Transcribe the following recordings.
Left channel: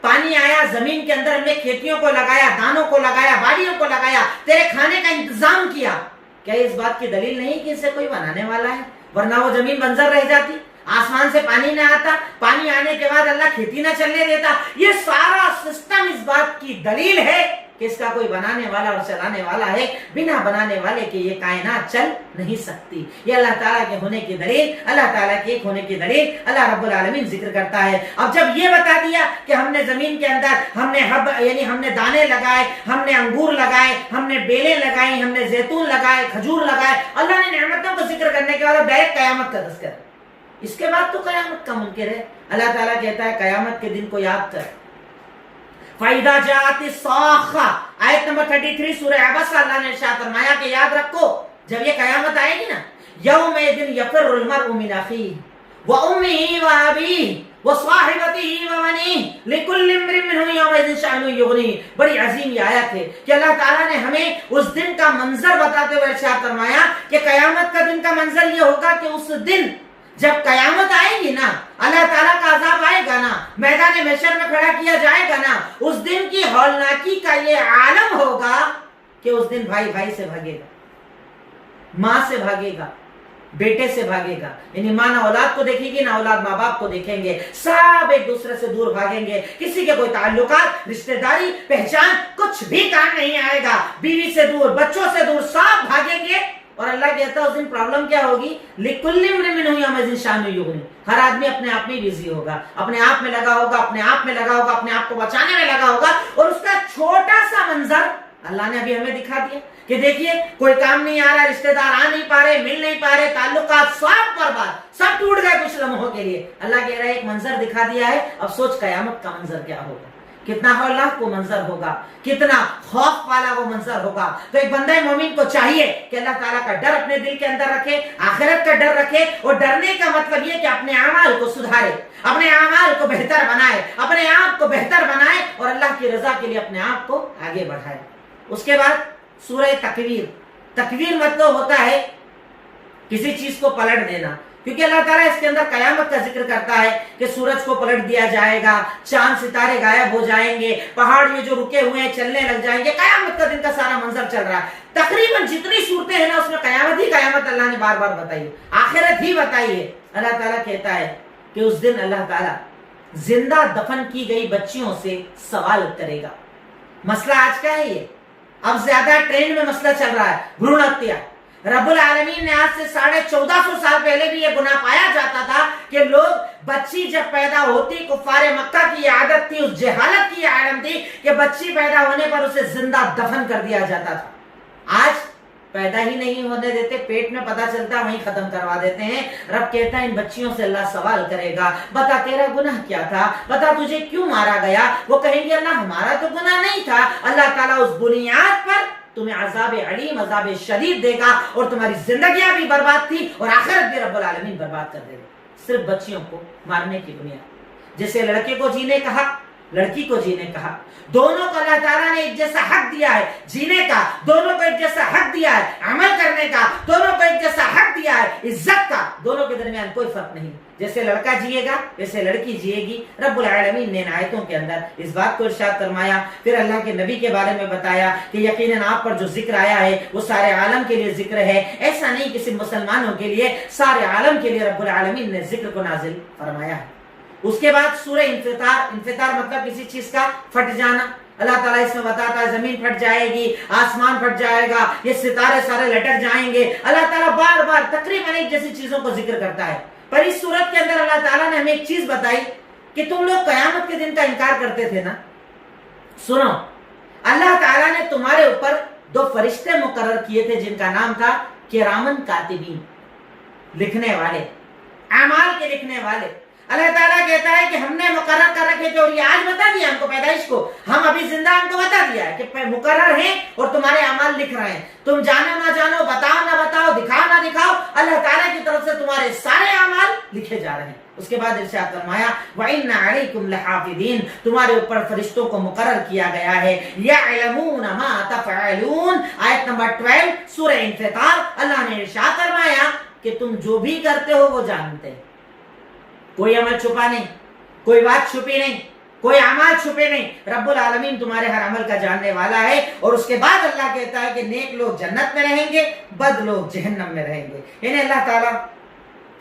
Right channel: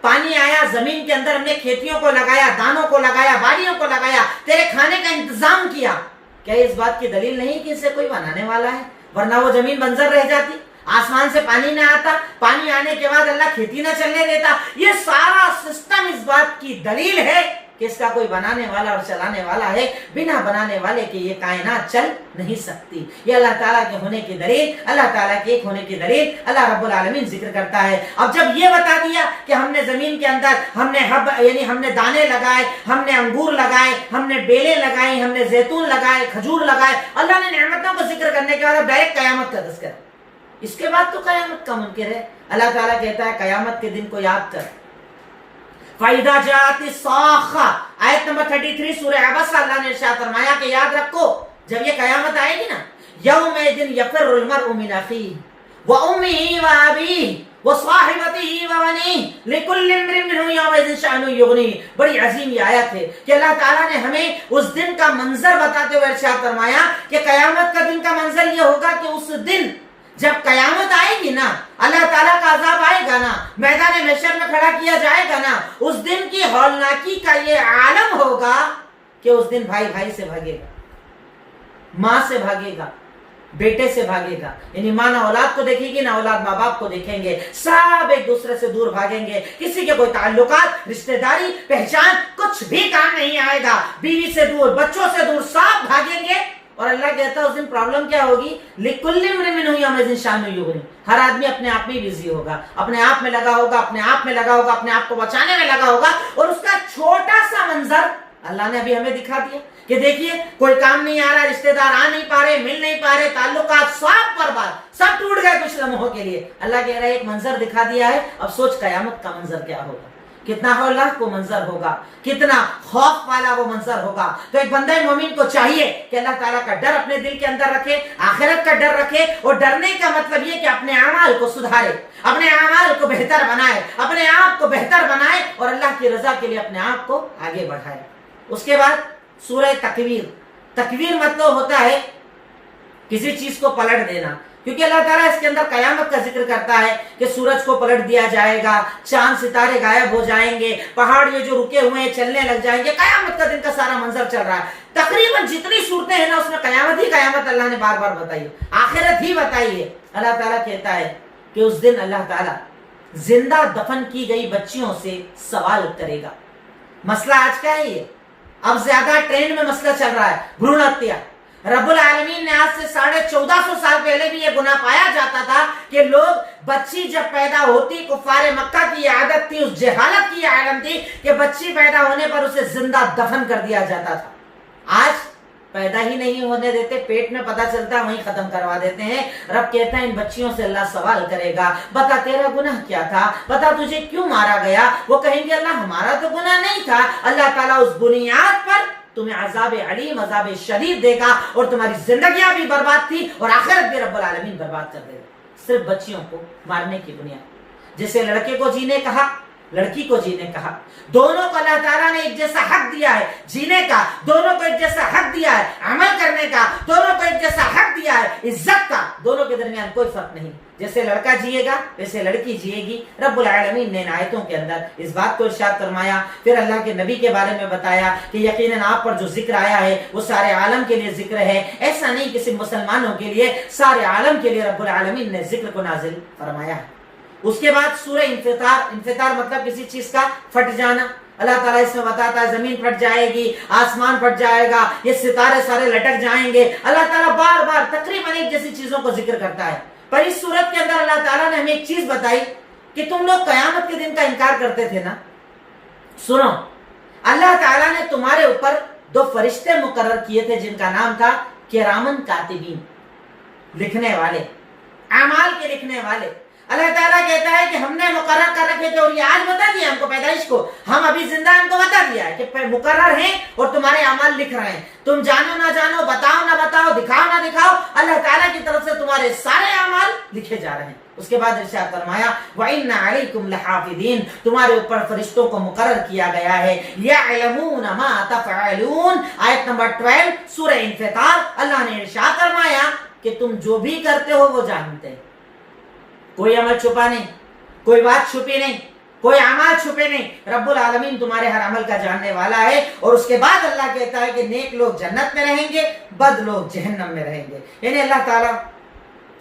پانی آیا زمین کے اندر، ہم نے کھیتیوں کو لگایا، دانوں کو لگایا، باڑیوں کو لگایا، تیرے کھانے کا انتظام کیا، کیا اس بات کی دلیل نہیں کہ اسے کوئی بنانے والا ہے؟ ورنہ وہ زمین بنجر رہ جاتی، آسمان سے پانی نہ آتا، پانی آنے کے بعد اللہ کھیتی نہ چلنے دیتا۔ یہ سارا سسٹم اس بات کی دلیل ہے کہ اس کا کوئی بنانے والا اور چلانے والا ہے، بنا بنانے والے کے یہ کائنات چل نہیں سکتی۔ یہ اللہ تعالیٰ کے ہونے کی دلیل، اللہ تعالیٰ کے ایک ہونے کی دلیل اللہ رب العالمین ذکر کرتا ہے۔ اب جب یہ بتا دیا کہ ہم نے زمین کے اندر ہم نے یعنی ہم نے دانے لگائے، ہم نے انگور لگائے، ہم نے بیلیں لگائی، ہم نے زیتون لگائے، کھجور لگائے، اللہ نے نعمتوں کو ذکر کرنے کے بعد اب ڈائریکٹ قیامت کا تذکرہ، اس کے بعد تو قیامت کا منکر ہے۔ اللہ تعالیٰ کہتا ہے قیامت کے دن کو یاد کر۔ فَإِذَا جَاءَتِ الصَّاخَّةُ آیت نمبر 33 سورہ عبس، اللہ نے ارشاد فرمایا کہ یاد رکھو جب یہ قیامت آئے گی نا، یومئذ یفر المرء من اخیہ وامہ وابیہ وصاحبتہ وبنیہ لکل امرئ منہم یومئذ شأن یغنیہ۔ بڑی عظیم یہ آیت ہے کہ اللہ تعالیٰ نے ہمیں اس دن کا منظر بتاتے ہوئے ارشاد فرمایا کہ قیامت کا دن کا منظر یہ ہوگا کہ اس دن جب قیامت آئے گی نا، اللہ تعالیٰ کا عذاب آئے گا نا، میدان محشر میں کھڑا کیا جائے گا نا، اس دن کی ہولناکی کا یہ عالم ہوگا کہ اس دن بھائی بھائی سے بھاگے گا، ماں سے بھاگے گا، بیٹے سے بھاگے گا، یعنی ماں نہ اولاد کو دیکھے گی نہ اولاد ماں باپ کو دیکھیں گے، سب ایک دوسرے سے دور بھاگیں گے، کسی کے کوئی تعلقات، رشتہ داری، پہچان کچھ بھی کام نہیں آئے گا، بیوی سے دور، بچوں سے دور، سب بھاگیں گے۔ اور اللہ کہتا ہے اس دن پرابلم کیا ہوگی؟ لِكُلِّ امْرِئٍ مِّنْهُمْ يَوْمَئِذٍ شَأْنٌ يُغْنِيهِ۔ ہر آدمی اپنے آپ میں بزی ہوگا، اپنے آپ میں لگا ہوگا، اپنے آپ میں لگا ہوگا، اپنے آپ کو بچانے میں لگا ہوگا، اور اس کا چھوٹا سا منظر اللہ نے ابھی ہمیں دکھا دیا کہ دیکھیے کوئی کام نہیں آ رہا، رشتہ دار آ نہیں پا رہے، مل نہیں پا رہے، تعلقات سب برباد، سب ٹوٹ گئے کچھ لمحوں کے لیے۔ اللہ کہہ رہا ہے ایک منظر دکھا دیا ہے، اب سوچ قیامت کا منظر کیا ہوگا، کتنا ہولناک وہ منظر ہوگا، کتنا خوف والا وہ منظر ہوگا۔ تو ایک بندہ مومن کو چاہیے کہ اللہ تعالیٰ کا ڈر اپنے دل کے اندر رکھے، آخرت کا ڈر رکھے، اور ڈرنے کا مطلب یہ کہ اپنے اعمال کو سدھارے، اپنے اعمال کو بہتر بنائے، اپنے آپ کو بہتر بنائے، اور اللہ کی رضا کے لیے اپنے آپ کو آگے بڑھائے۔ اس کے بعد سورہ تکویر۔ تکویر مطلب ہوتا ہے کسی چیز کو پلٹ دینا، کیونکہ اللہ تعالیٰ اس کے اندر قیامت کا ذکر کرتا ہے کہ سورج کو پلٹ دیا جائے گا، چاند ستارے غائب ہو جائیں گے، پہاڑ یہ جو رکے ہوئے ہیں چلنے لگ جائیں گے، قیامت کا دن کا سارا منظر چل رہا ہے۔ تقریباً جتنی صورتیں ہیں نا اس میں قیامت ہی قیامت اللہ نے بار بار بتائی ہے، آخرت ہی بتائی ہے۔ اللہ تعالیٰ کہتا ہے کہ اس دن اللہ تعالیٰ زندہ دفن کی گئی بچیوں سے سوال کرے گا۔ مسئلہ آج کا ہے یہ، اب زیادہ ٹرینڈ میں مسئلہ چل رہا ہے، بھرون ہتیا۔ رب العالمین نے آج سے 1450 سال پہلے بھی یہ گناہ پایا جاتا تھا کہ لوگ بچی جب پیدا ہوتی، کفار مکہ کی یہ عادت تھی، اس جہالت کی یہ عالم تھی کہ بچی پیدا ہونے پر اسے زندہ دفن کر دیا جاتا تھا۔ آج پیدا ہی نہیں ہونے دیتے، پیٹ میں پتہ چلتا ہے وہیں ختم کروا دیتے ہیں۔ رب کہتا ہے ان بچیوں سے اللہ سوال کرے گا، بتا تیرا گناہ کیا تھا، بتا تجھے کیوں مارا گیا؟ وہ کہیں گے اللہ ہمارا تو گناہ نہیں تھا۔ اللہ تعالیٰ اس بنیاد پر تمہیں عذاب علیم، عذاب شدید دے گا، اور تمہاری زندگیاں بھی برباد تھی اور آخرت بھی رب العالمین برباد کر دے گا، صرف بچیوں کو مارنے کی بنیاد۔ جیسے لڑکے کو جینے کا حق، لڑکی کو جینے کا حق، دونوں کو اللہ تعالیٰ نے ایک جیسا حق دیا ہے جینے کا، دونوں کو ایک جیسا حق دیا ہے عمل کرنے کا، دونوں کو ایک جیسا حق دیا ہے عزت کا، دونوں کے درمیان کوئی فرق نہیں۔ جیسے لڑکا جیے گا ویسے لڑکی جیے گی۔ رب العالمین نے آیتوں کے اندر اس بات کو ارشاد فرمایا، پھر اللہ کے نبی کے بارے میں بتایا کہ یقیناً آپ پر جو ذکر آیا ہے وہ سارے عالم کے لیے ذکر ہے، ایسا نہیں کہ صرف مسلمانوں کے لیے، سارے عالم کے لیے رب العالمین نے ذکر کو نازل فرمایا ہے۔ اس کے بعد سورہ انفطار۔ انفطار مطلب کسی چیز کا پھٹ جانا۔ اللہ تعالیٰ اس میں بتاتا ہے زمین پھٹ جائے گی، آسمان پھٹ جائے گا، یہ ستارے سارے لٹک جائیں گے۔ اللہ تعالیٰ بار بار تقریباً ایک جیسی چیزوں کو ذکر کرتا ہے، پر اس صورت کے اندر اللہ تعالیٰ نے ہمیں ایک چیز بتائی کہ تم لوگ قیامت کے دن کا انکار کرتے تھے نا، سنو اللہ تعالیٰ نے تمہارے اوپر 2 فرشتے مقرر کیے تھے جن کا نام تھا کرامن کاتبین، لکھنے والے، اعمال کے لکھنے والے۔ اللہ تعالیٰ کہتا ہے کہ ہم نے مقرر کر رکھے تھے، اور یہ آج بتا دیا ہم کو، پیدائش کو ہم ابھی زندہ ہم کو بتا دیا ہے کہ مقرر ہیں اور تمہارے اعمال لکھ رہے ہیں، تم جانو نہ جانو، بتاؤ نہ بتاؤ، دکھاؤ نہ دکھاؤ، اللہ تعالیٰ کی طرف سے تمہارے سارے اعمال لکھے جا رہے ہیں۔ اس کے بعد ارشاد فرمایا وَإِنَّ عَلَيْكُمْ لَحَافِظِينَ، تمہارے اوپر فرشتوں کو مقرر کیا گیا ہے، يَعْلَمُونَ مَا تَفْعَلُونَ۔ آیت نمبر 12 سورہ انفطار۔ اللہ نے ارشاد فرمایا کہ تم جو بھی کرتے ہو وہ جانتے ہیں، کوئی عمل چھپا نہیں، کوئی بات چھپی نہیں، کوئی اعمال چھپے نہیں. رب العالمین تمہارے ہر عمل کا جاننے والا ہے. اور اس کے بعد اللہ کہتا ہے کہ نیک لوگ جنت میں رہیں گے, بد لوگ جہنم میں رہیں گے. یعنی اللہ تعالیٰ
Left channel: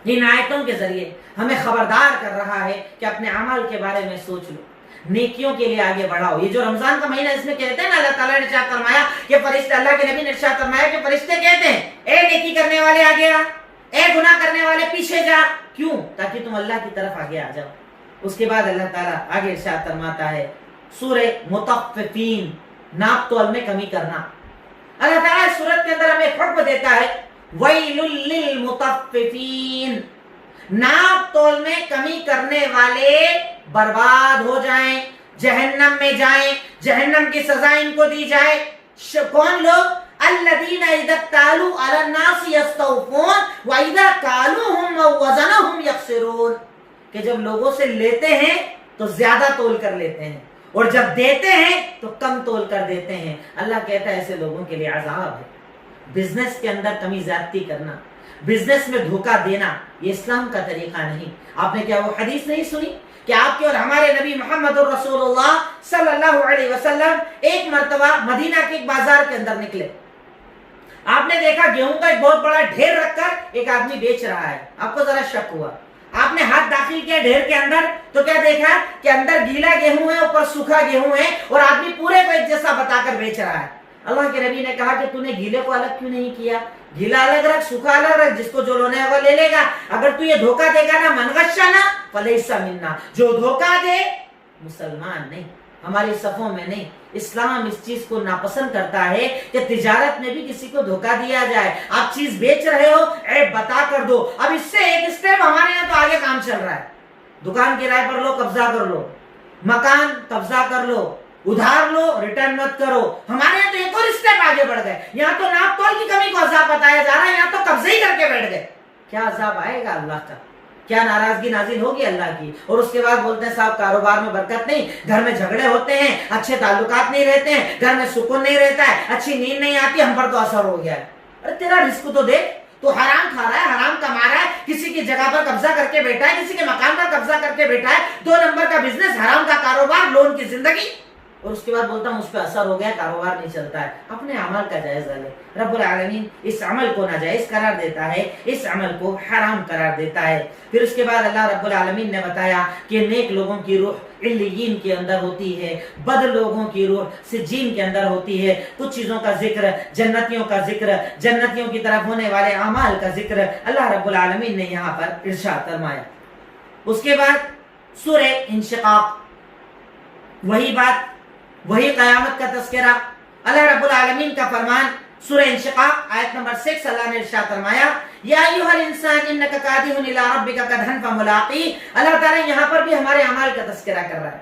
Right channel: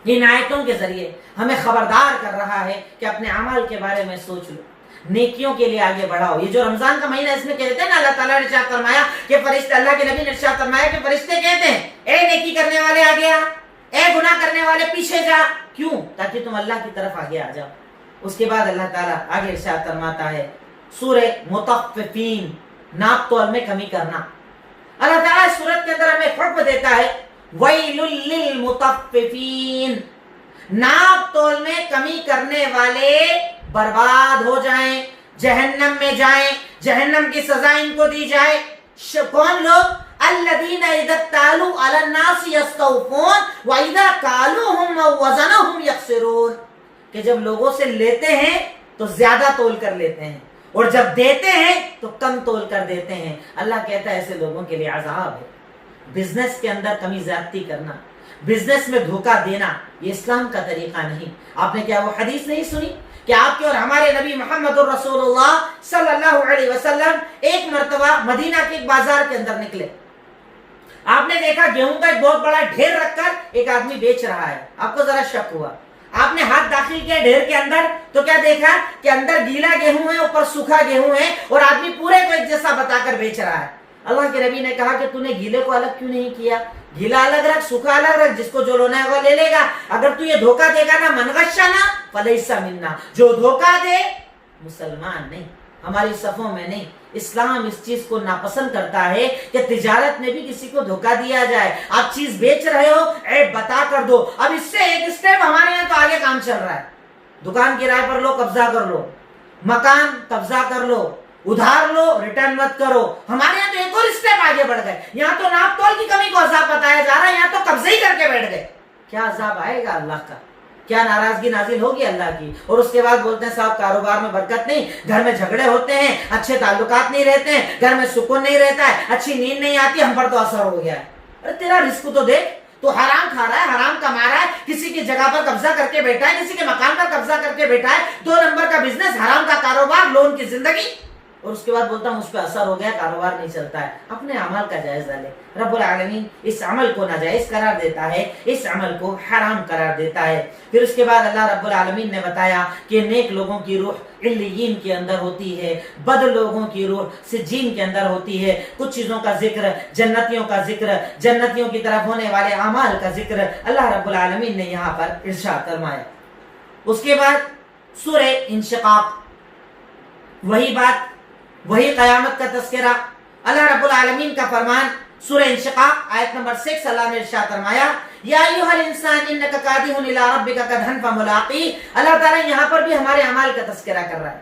ان آیتوں کے ذریعے ہمیں خبردار کر رہا ہے کہ اپنے اعمال کے بارے میں سوچ لو, نیکیوں کے لیے آگے بڑھاؤ. یہ جو رمضان کا مہینہ اس میں کہتے ہیں نا, اللہ تعالیٰ نے ارشاد فرمایا کہ فرشتے, اللہ کے نبی نے ارشاد فرمایا کہ فرشتے کہتے ہیں اے نیکی کرنے والے آگے آ, اے گناہ کرنے والے پیچھے جا. کیوں؟ تاکہ تم اللہ کی طرف آگے آ جاؤ. اس کے بعد اللہ تعالیٰ آگے ارشاد فرماتا ہے سورہ مطففین, ناپ تول میں کمی کرنا. اللہ تعالیٰ اس سورت کے اندر ہمیں حکم دیتا ہے وَيْلٌ لِّلْمُطَفِّفِينَ, ناپ تول میں کمی کرنے والے برباد ہو جائیں, جہنم میں جائیں, جہنم کی سزا ان کو دی جائے. کون لوگ؟ الذین اذا اکتالوا علی الناس یستوفون واذا کالوہم او وزنہم یخسرون, کہ جب لوگوں سے لیتے ہیں تو زیادہ تول کر لیتے ہیں, اور جب دیتے ہیں تو کم تول کر دیتے ہیں. اللہ کہتا ہے ایسے لوگوں کے لیے عذاب ہے. بزنس کے اندر کمی زیادتی کرنا, بزنس میں دھوکہ دینا, یہ اسلام کا طریقہ نہیں. آپ نے کیا وہ حدیث نہیں سنی کہ آپ کے اور ہمارے نبی محمد رسول اللہ صلی اللہ علیہ وسلم ایک مرتبہ مدینہ کے ایک بازار کے اندر نکلے. آپ نے دیکھا گیہوں کا ایک بہت بڑا ڈھیر رکھ کر ایک آدمی بیچ رہا ہے. آپ کو ذرا شک ہوا, آپ نے ہاتھ داخل کیا ڈھیر کے اندر تو کیا دیکھا کہ اندر گیلا گیہوں ہے, اوپر سوکھا گیہوں ہے, اور آدمی پورے کو ایک جیسا بتا کر بیچ رہا ہے. اللہ کے نبی نے کہا کہ تو نے گیلے کو الگ کیوں نہیں کیا؟ گیلا الگ رکھ, سوکھا الگ رکھ, جس کو جو لینا ہے وہ لے لے گا. اگر تو یہ دھوکہ دے گا نا, من غشنا فلیس منا, جو دھوکہ دے مسلمان نہیں, ہماری صفوں میں نہیں. اسلام اس چیز کو ناپسند کرتا ہے کہ تجارت میں بھی کسی کو دھوکہ دیا جائے. آپ چیز بیچ رہے ہو, عیب بتا کر دو. اب اس سے ایک اسٹیپ ہمارے یہاں تو آگے کام چل رہا ہے. دکان کرائے پر لو, قبضہ کر لو, مکان قبضہ کر لو, ادھار لو, ریٹرن مت کرو. ہمارے یہاں تو ایک اور اسٹیپ آگے بڑھ گئے. یہاں تو ناپ تول کی کمی کو عذاب بتایا جا رہا ہے, یہاں تو قبضے ہی کر کے بیٹھ گئے. کیا عذاب آئے گا اللہ کا, کیا ناراضگی نازل ہوگی اللہ کی. اور اس کے بعد بولتے ہیں صاحب کاروبار میں برکت نہیں, گھر میں جھگڑے ہوتے ہیں, اچھے تعلقات نہیں رہتے ہیں, گھر میں سکون نہیں رہتا ہے, اچھی نیند نہیں آتی, ہم پر تو اثر ہو گیا ہے. ارے تیرا رزق تو دیکھ, تو حرام کھا رہا ہے, حرام کما رہا ہے, کسی کی جگہ پر قبضہ کر کے بیٹھا ہے, کسی کے مکان پر قبضہ کر کے بیٹھا ہے, 2 نمبر کا بزنس, حرام کا کاروبار, لون کی زندگی. اور اس کے بعد بولتا ہوں اس پہ اثر ہو گیا, کاروبار نہیں چلتا ہے. اپنے عمل کا جائزہ لے. رب العالمین اس عمل کو ناجائز قرار دیتا ہے, اس عمل کو حرام قرار دیتا ہے. پھر اس کے بعد اللہ رب العالمین نے بتایا کہ نیک لوگوں کی روح علیین کے اندر ہوتی ہے, بد لوگوں کی روح سجین کے اندر ہوتی ہے. کچھ چیزوں کا ذکر, جنتیوں کا ذکر, جنتیوں کی طرف ہونے والے اعمال کا ذکر اللہ رب العالمین نے یہاں پر ارشاد فرمایا. اس کے بعد سورہ انشقاق, وہی بات, وہی قیامت کا تذکرہ. اللہ رب العالمین کا فرمان سورہ انشقاق آیت نمبر 6, اللہ نے ارشاد فرمایا یا ایھا الانسان انک کادح الی ربک کدحا فملاقیہ. اللہ تعالیٰ یہاں پر بھی ہمارے اعمال کا تذکرہ کر رہا ہے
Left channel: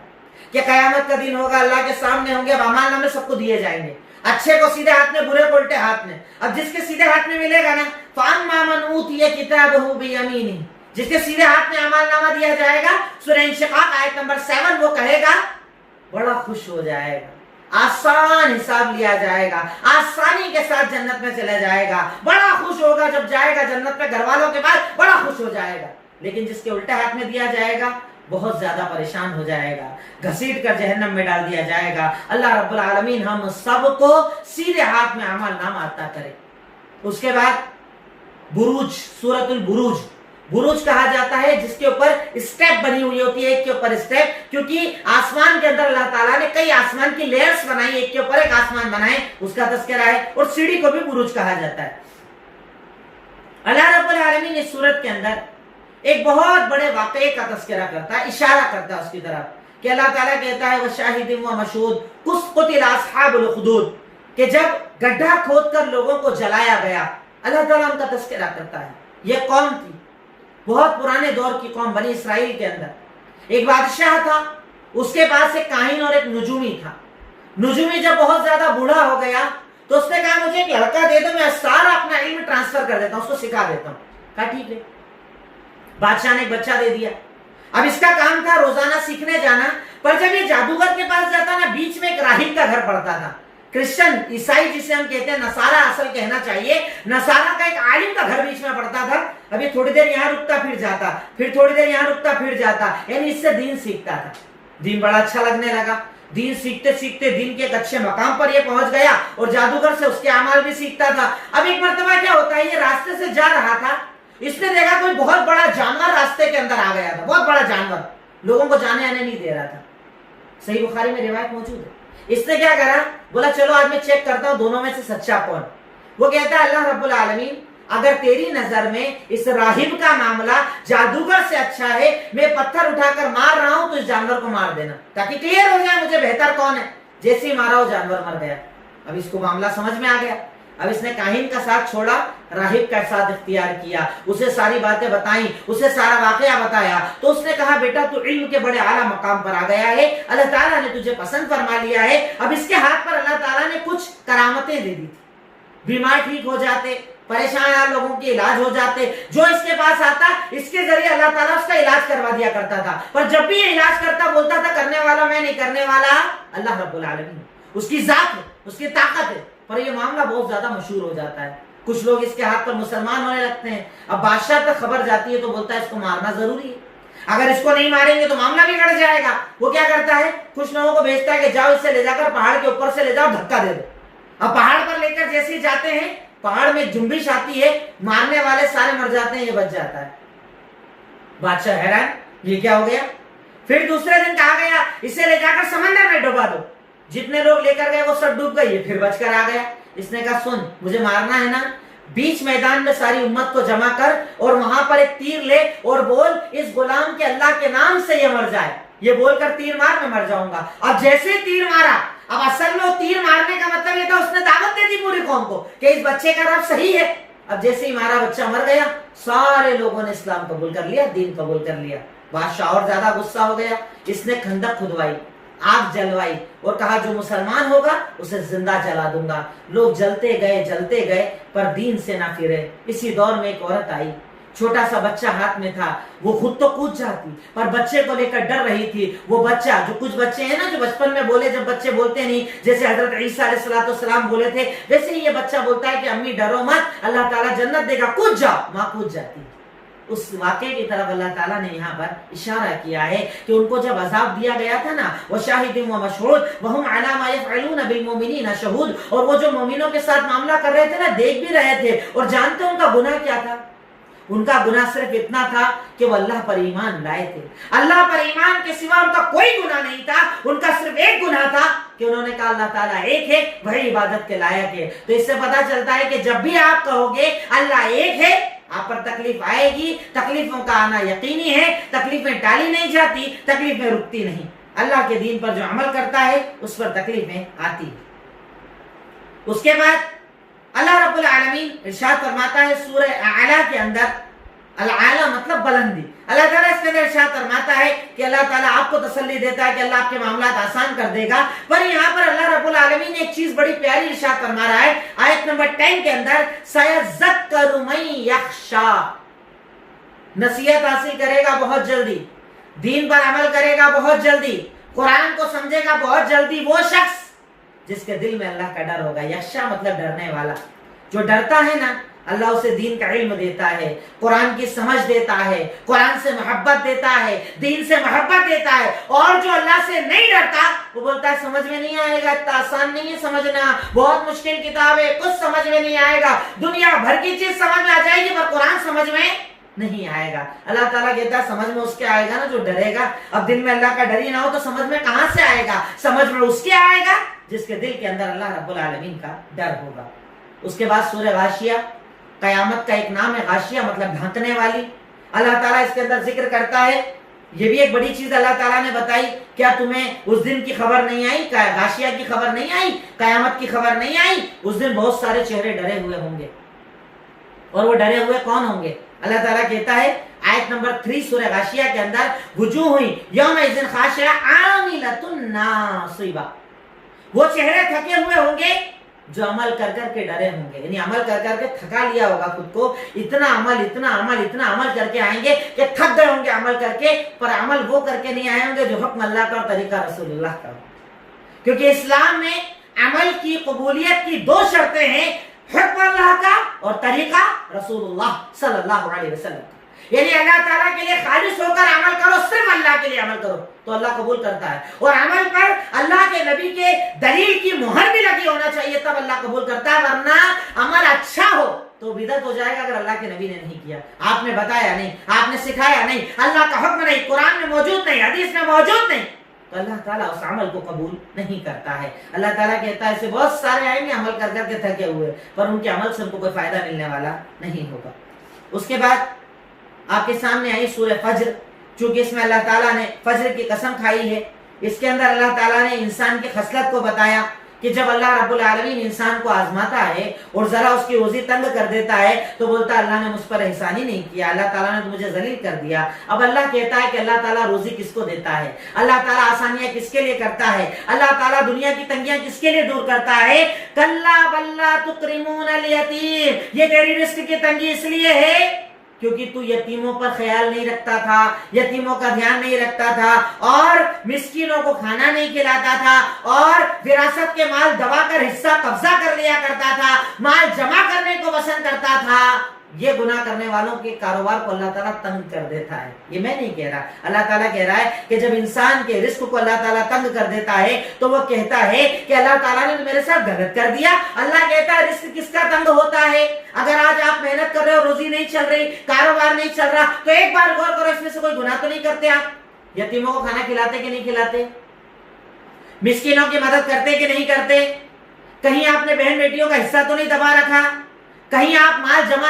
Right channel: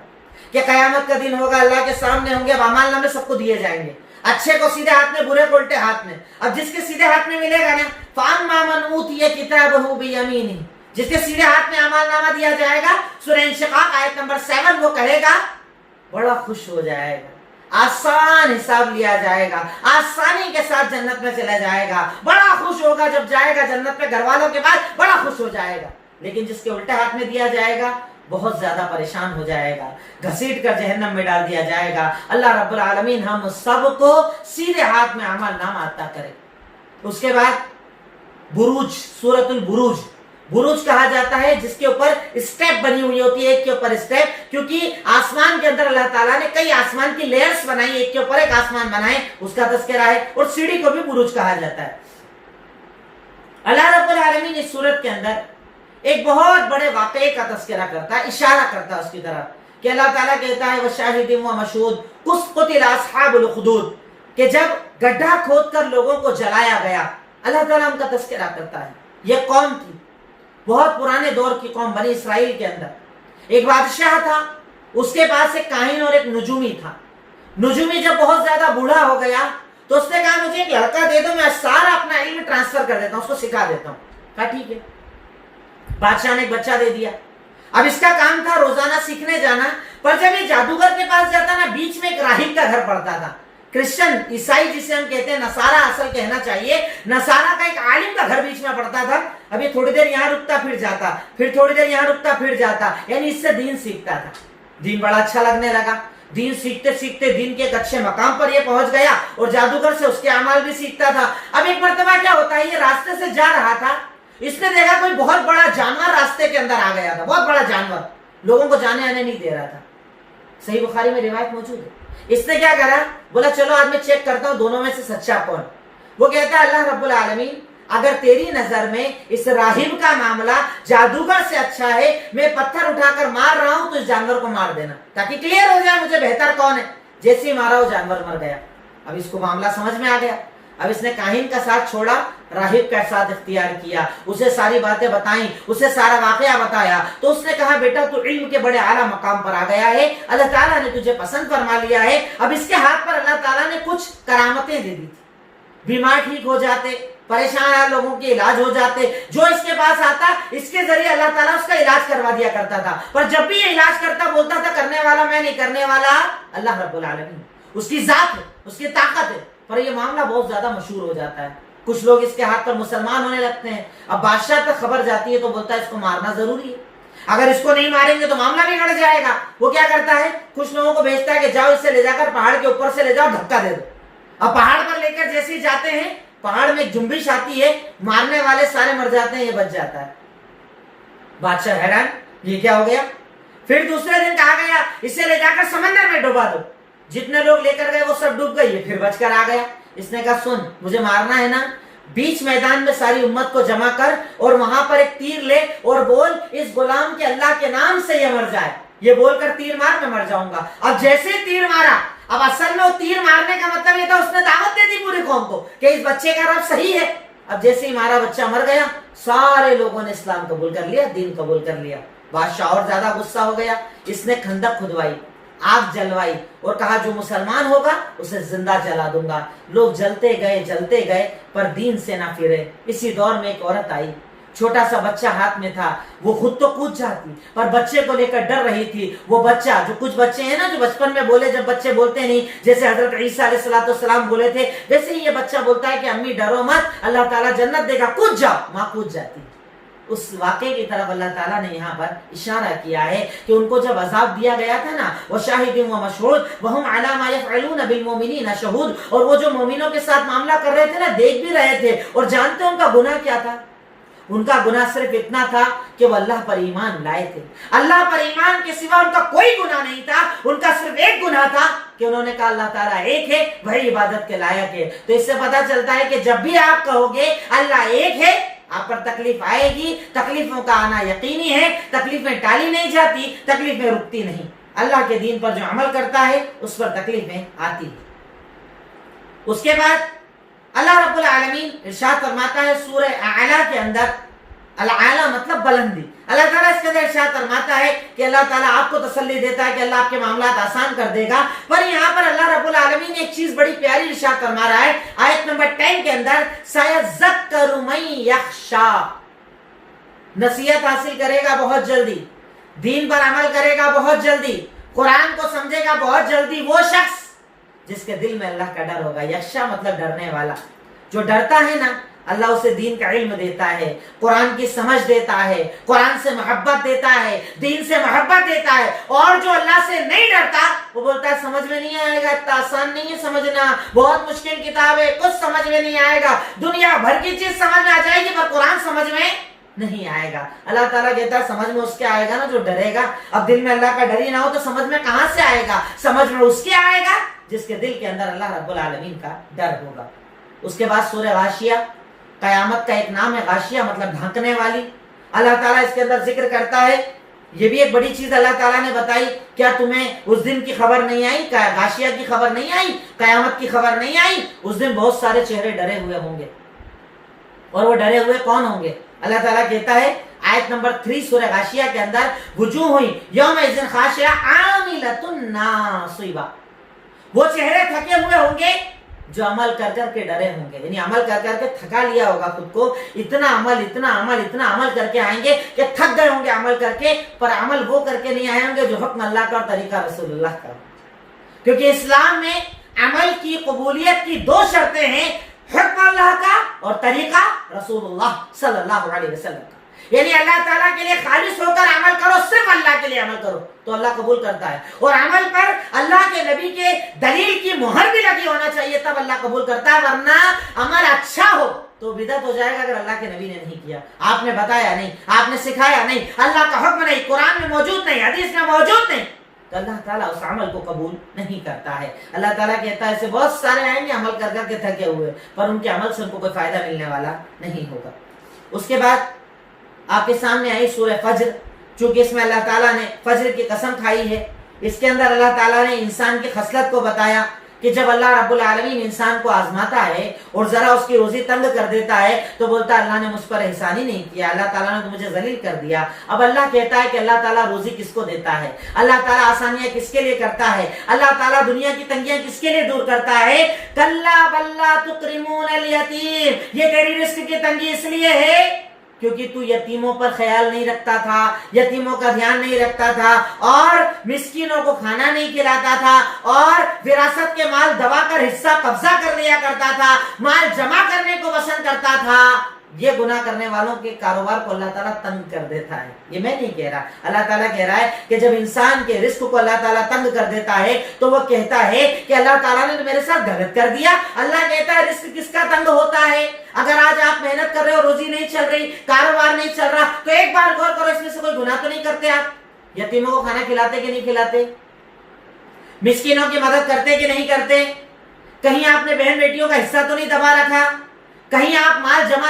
کہ قیامت کا دن ہوگا, اللہ کے سامنے ہوں گے, اب اعمال نامے سب کو دیے جائیں گے, اچھے کو سیدھے ہاتھ میں, برے کو الٹے ہاتھ میں. اب جس کے سیدھے ہاتھ میں ملے گا نا, فاما من اوتی کتابہ بیمینہ, جس کے سیدھے ہاتھ میں اعمال نامہ دیا جائے گا, سورہ انشقاق آیت نمبر 7, وہ کہے گا بڑا خوش ہو جائے گا, آسان حساب لیا جائے گا, آسانی کے ساتھ جنت میں چلا جائے گا, بڑا خوش ہوگا جب جائے گا جنت میں, گھر والوں کے بعد بڑا خوش ہو جائے گا. لیکن جس کے الٹے ہاتھ میں دیا جائے گا بہت زیادہ پریشان ہو جائے گا, گھسیٹ کر جہنم میں ڈال دیا جائے گا. اللہ رب العالمین ہم سب کو سیدھے ہاتھ میں اعمال نامہ عطا کرے. اس کے بعد بروج, سورۃ البروج. بروج کہا جاتا ہے جس کے اوپر اسٹیپ بنی ہوئی ہوتی ہے, ایک کے اوپر اسٹیپ, کیونکہ آسمان کے اندر اللہ تعالیٰ نے کئی آسمان کی لیئرز بنائی, ایک کے اوپر ایک آسمان بنائے, اس کا تذکرہ ہے. اور سیڑھی کو بھی بروج کہا جاتا ہے. اللہ رب العالمین اس سورت کے اندر ایک بہت بڑے واقعے کا تذکرہ کرتا ہے, اشارہ کرتا ہے اس کی طرف کہ اللہ تعالیٰ کہتا ہے وَشَاهِدٍ وَمَشْهُودٍ قُتِلَ أَصْحَابُ الْأُخْدُودِ, کہ جب گڈھا کھود کر لوگوں کو جلایا گیا, اللہ تعالیٰ ان کا تذکرہ کرتا ہے. یہ قوم تھی, بہت پرانے دور کی قوم, بنی اسرائیل کے اندر ایک بادشاہ تھا, اس کے پاس ایک کاہن اور ایک نجومی تھا. نجومی جب بہت زیادہ بوڑھا ہو گیا تو اس نے کہا مجھے ایک لڑکا دے دو, میں سارا اپنا علم ٹرانسفر کر دیتا ہوں, اس کو سکھا دیتا ہوں. کہا ٹھیک ہے. بادشاہ نے ایک بچہ دے دیا. اب اس کا کام تھا روزانہ سیکھنے جانا, پر جب یہ جادوگر کے پاس جاتا نا, بیچ میں ایک راہب کا گھر پڑتا تھا. کرسچن, عیسائی جسے ہم کہتے ہیں, نصارہ اصل کہنا چاہیے, نصارہ کا ایک عالم کا گھر بیچ میں پڑتا تھا. ابھی تھوڑی دیر یہاں رکتا پھر جاتا, پھر تھوڑی دیر یہاں رکتا پھر جاتا, یعنی اس سے دین سیکھتا تھا. دین بڑا اچھا لگنے لگا. دین سیکھتے سیکھتے دین کے ایک اچھے مقام پر یہ پہنچ گیا اور جادوگر سے اس کے اعمال بھی سیکھتا تھا. اب ایک مرتبہ کیا ہوتا ہے, یہ راستے سے جا رہا تھا, اس نے دیکھا کوئی بہت بڑا جانور راستے کے اندر آ گیا تھا, بہت بڑا جانور, لوگوں کو جانے آنے نہیں دے رہا تھا. صحیح بخاری میں روایت موجود ہے. اس نے کیا کرا, بولا چلو آج میں چیک کرتا ہوں دونوں میں سے سچا کون. وہ کہتا ہے اللہ رب العالمین اگر تیری نظر میں اس راہب کا معاملہ جادوگر سے اچھا ہے, میں پتھر اٹھا کر مار رہا ہوں تو اس جانور کو مار دینا تاکہ کلیئر ہو جائے مجھے بہتر کون ہے. جیسے ہی مارا وہ جانور مر گیا. اب اس کو معاملہ سمجھ میں آ گیا. اب اس نے کاہن کا ساتھ چھوڑا, راہب کا ساتھ اختیار کیا, اسے ساری باتیں بتائیں, اسے سارا واقعہ بتایا. تو اس نے کہا بیٹا تو علم کے بڑے اعلیٰ مقام پر آ گیا ہے, اللہ تعالیٰ نے تجھے پسند فرما لیا ہے. اب اس کے ہاتھ پر اللہ تعالیٰ نے کچھ کرامتیں دے دی تھی, بیمار ٹھیک ہو جاتے, پریشان لوگوں کے علاج ہو جاتے. جو اس کے پاس آتا اس کے ذریعے اللہ تعالیٰ اس کا علاج کروا دیا کرتا تھا. پر جب بھی یہ علاج کرتا بولتا تھا کرنے والا میں نہیں, کرنے والا اللہ رب العالمین. اس کی ذات ہے, اس کی طاقت ہے. پر یہ معاملہ بہت زیادہ مشہور ہو جاتا ہے. کچھ لوگ اس کے ہاتھ پر مسلمان ہونے لگتے ہیں. اب بادشاہ تک خبر جاتی ہے تو بولتا ہے اس کو مارنا ضروری ہے, اگر اس کو نہیں ماریں گے تو معاملہ بگڑ جائے گا. وہ کیا کرتا ہے, کچھ لوگوں کو بھیجتا ہے کہ جاؤ اس سے لے جا کر پہاڑ کے اوپر سے لے جاؤ, دھکا دے دو. اب پہاڑ پر لے کر جیسے ہی جاتے ہیں, پہاڑ میں جنبش آتی ہے, مارنے والے سارے مر جاتے ہیں, یہ بچ جاتا ہے. بادشاہ حیران, یہ کیا ہو گیا. پھر دوسرے دن کہا گیا اسے لے جا کر سمندر میں ڈوبا دو. جتنے لوگ لے کر گئے وہ سب ڈوب گئے, یہ پھر بچ کر آ گیا. اس نے کہا سن مجھے مارنا ہے نا, بیچ میدان میں ساری امت کو جمع کر اور وہاں پر ایک تیر لے اور بول اس غلام کے اللہ کے نام سے یہ مر جائے. یہ بول کر تیر مار, میں مر جاؤں گا. اب جیسے ہی تیر مارا, اب اصل میں وہ تیر مارنے کا مطلب یہ تھا اس نے دعوت دے دی پوری قوم کو کہ اس بچے کا رب صحیح ہے. اب جیسے ہی مارا بچہ مر گیا, سارے لوگوں نے اسلام قبول کر لیا, دین قبول کر لیا. بادشاہ اور زیادہ غصہ ہو گیا. اس نے خندق کھدوائی, آگ جلوائی اور کہا جو مسلمان ہوگا اسے زندہ جلا دوں گا. لوگ جلتے گئے پر دین سے نہ پھرے. اسی دور میں ایک عورت آئی, چھوٹا سا بچہ ہاتھ میں تھا. وہ خود تو کود جاتی پر بچے کو لے کر ڈر رہی تھی. وہ بچہ, جو کچھ بچے ہیں نا جو بچپن میں بولے, جب بچے بولتے نہیں, جیسے حضرت عیسیٰ علیہ السلام بولے تھے, ویسے ہی یہ بچہ بولتا ہے کہ امی ڈرو مت, اللہ تعالیٰ جنت دے گا, کود جاؤ. ماں کود جاتی. اس واقعے کی طرف اللہ تعالیٰ نے یہاں پر اشارہ کیا ہے کہ ان کو جب عذاب دیا گیا تھا نا, وَشَاهِدٍ وَمَشْهُودٍ وَهُمْ عَلَى مَا يَفْعَلُونَ بِالْمُؤْمِنِينَ شَهُودٌ, اور وہ جو مومنوں کے ساتھ معاملہ کر رہے تھے نا, دیکھ بھی رہے تھے اور جانتے ان کا گناہ کیا تھا. ان کا گناہ صرف اتنا تھا کہ وہ اللہ پر ایمان لائے تھے. اللہ پر ایمان کے سوا ان کا کوئی گناہ نہیں تھا. ان کا صرف ایک گناہ تھا کہ انہوں نے کہا اللہ تعالیٰ ایک ہے, وہی عبادت کے لائق ہے. تو اس سے پتا چلتا ہے کہ جب بھی آپ کہو گے اللہ ایک ہے, آپ پر تکلیف آئے گی. تکلیفوں کا آنا یقینی ہے, تکلیفیں ٹالی نہیں جاتی, تکلیفیں رکتی نہیں. اللہ کے دین پر جو عمل کرتا ہے اس پر تکلیفیں آتی ہیں. اس کے بعد اللہ رب العالمین ارشاد فرماتا ہے سورہ اعلیٰ کے اندر, الاعلیٰ مطلب بلندی. اللہ تعالیٰ اس کے اندر ارشاد فرماتا ہے کہ اللہ تعالیٰ آپ کو تسلی دیتا ہے کہ اللہ آپ کے معاملات آسان کر دے گا. پر یہاں پر اللہ رب العالمین نے ایک چیز بڑی پیاری ارشاد فرما رہا ہے آیت نمبر 10 کے اندر, سَيَذَّكَّرُ مَن يَخْشَىٰ, نصیحت حاصل کرے گا بہت جلدی, دین پر عمل کرے گا بہت جلدی, قرآن کو سمجھے گا بہت جلدی, وہ شخص جس کے دل میں اللہ کا ڈر ہوگا. یخشا مطلب ڈرنے والا. جو ڈرتا ہے نا, اللہ اسے دین کا علم دیتا ہے, قرآن کی سمجھ دیتا ہے, قرآن سے محبت دیتا ہے, دین سے محبت دیتا ہے. اور جو اللہ سے نہیں ڈرتا وہ بولتا ہے سمجھ میں نہیں آئے گا, اتنا آسان نہیں ہے سمجھنا, بہت مشکل کتاب ہے, کچھ سمجھ میں نہیں آئے گا, دنیا بھر کی چیز سمجھ میں آ جائے گی پر قرآن سمجھ میں نہیں آئے گا. اللہ تعالیٰ کہتا ہے سمجھ میں اس کے آئے گا نا جو ڈرے گا. اب دل میں اللہ کا ڈر ہی نہ ہو تو سمجھ میں کہاں سے آئے گا. سمجھ میں اس کے آئے گا جس کے دل کے اندر اللہ رب العالمین کا ڈر ہوگا. اس کے بعد سورہ غاشیہ, قیامت کا ایک نام ہے غاشیہ مطلب ڈھانکنے والی. اللہ تعالیٰ اس کے اندر ذکر کرتا ہے, یہ بھی ایک بڑی چیز اللہ تعالیٰ نے بتائی, کیا تمہیں اس دن کی خبر نہیں آئی, غاشیہ کی خبر نہیں آئی, قیامت کی خبر نہیں آئی. اس دن بہت سارے چہرے ڈرے ہوئے ہوں گے. اور وہ ڈرے ہوئے کون ہوں گے؟ اللہ تعالیٰ کہتا ہے آیت نمبر 3 سورہ غاشیہ کے اندر, وجوہ یومئذ خاشعہ عاملۃ ناصبہ, وہ چہرے تھکے ہوئے ہوں گے جو عمل کر کر کے ڈرے ہوں گے. یعنی عمل کر کر کے تھکا لیا ہوگا خود کو, اتنا عمل کر کے آئیں گے کہ تھک گئے ہوں گے عمل کر کے, پر عمل وہ کر کے نہیں آئے ہوں گے جو حکم اللہ کا اور طریقہ رسول اللہ کا. کیونکہ اسلام میں عمل کی قبولیت کی 2 شرطیں ہیں, حکم اللہ کا اور طریقہ رسول اللہ صلی اللہ علیہ وسلم کا. یعنی اللہ تعالیٰ کے لیے خالص ہو کر عمل کرو، صرف اللہ کے لیے عمل کرو تو اللہ قبول کرتا ہے، اور عمل پر اللہ کے نبی کے دلیل کی مہر بھی لگی ہونا چاہیے، تب اللہ قبول کرتا ہے، ورنہ عمل اچھا ہو تو بدعت ہو جائے گا اگر اللہ کے نبی نے نہیں کیا، آپ نے بتایا نہیں، آپ نے سکھایا نہیں، اللہ کا حکم نہیں، قرآن میں موجود نہیں، حدیث میں موجود نہیں، تو اللہ تعالیٰ اس عمل کو قبول نہیں کرتا ہے۔ اللہ تعالیٰ کہتا ہے ایسے بہت سارے آئیں گے عمل کر کر کے تھکے ہوئے، پر ان کے عمل سے ان کو کوئی فائدہ ملنے والا نہیں ہوگا۔ اس کے بعد آپ کے سامنے آئی سورہ فجر، چونکہ اس میں اللہ تعالیٰ نے فجر کی قسم کھائی ہے، اس کے اندر اللہ تعالیٰ نے انسان کی خصلت کو بتایا کہ جب اللہ رب العالمین انسان کو آزماتا ہے اور ذرا اس کی روزی تنگ کر دیتا ہے تو بولتا ہے اللہ نے مجھ پر احسان ہی نہیں کیا، اللہ تعالیٰ نے تو مجھے ذلیل کر دیا۔ اب اللہ کہتا ہے کہ اللہ تعالیٰ روزی کس کو دیتا ہے، اللہ تعالیٰ آسانیاں کس کے لیے کرتا ہے، اللہ تعالیٰ دنیا کی تنگیاں کس کے لیے دور کرتا ہے؟ کلا بل لا تکرمون الیتیم، یہ تیری رزق کی تنگی اس لیے ہے کیونکہ تو یتیموں پر خیال نہیں رکھتا تھا، یتیموں کا دھیان نہیں رکھتا تھا، اور مسکینوں کو کھانا نہیں کھلاتا تھا، اور وراثت کے مال دبا کر حصہ قبضہ کر لیا کرتا تھا، مال جمع کرنے کو پسند کرتا تھا۔ یہ گناہ کرنے والوں کے کاروبار کو اللہ تعالیٰ تنگ کر دیتا ہے۔ یہ میں نہیں کہہ رہا، اللہ تعالیٰ کہہ رہا ہے کہ جب انسان کے رزق کو اللہ تعالیٰ تنگ کر دیتا ہے تو وہ کہتا ہے کہ اللہ تعالیٰ نے میرے ساتھ غلط کر دیا۔ اللہ کہتا ہے رزق کس کا تنگ ہوتا ہے؟ اگر آج آپ محنت کر رہے ہو، روزی نہیں چل رہی، کاروبار نہیں چل رہا، تو ایک بار غور کرو اس میں سے کوئی گناہ تو نہیں کرتے آپ؟ یتیموں کو کھانا کھلاتے کہ نہیں کھلاتے؟ مسکینوں کی مدد کرتے کہ نہیں کرتے؟ کہیں آپ نے بہن بیٹیوں کا حصہ تو نہیں دبا رکھا؟ کہیں آپ مال جمع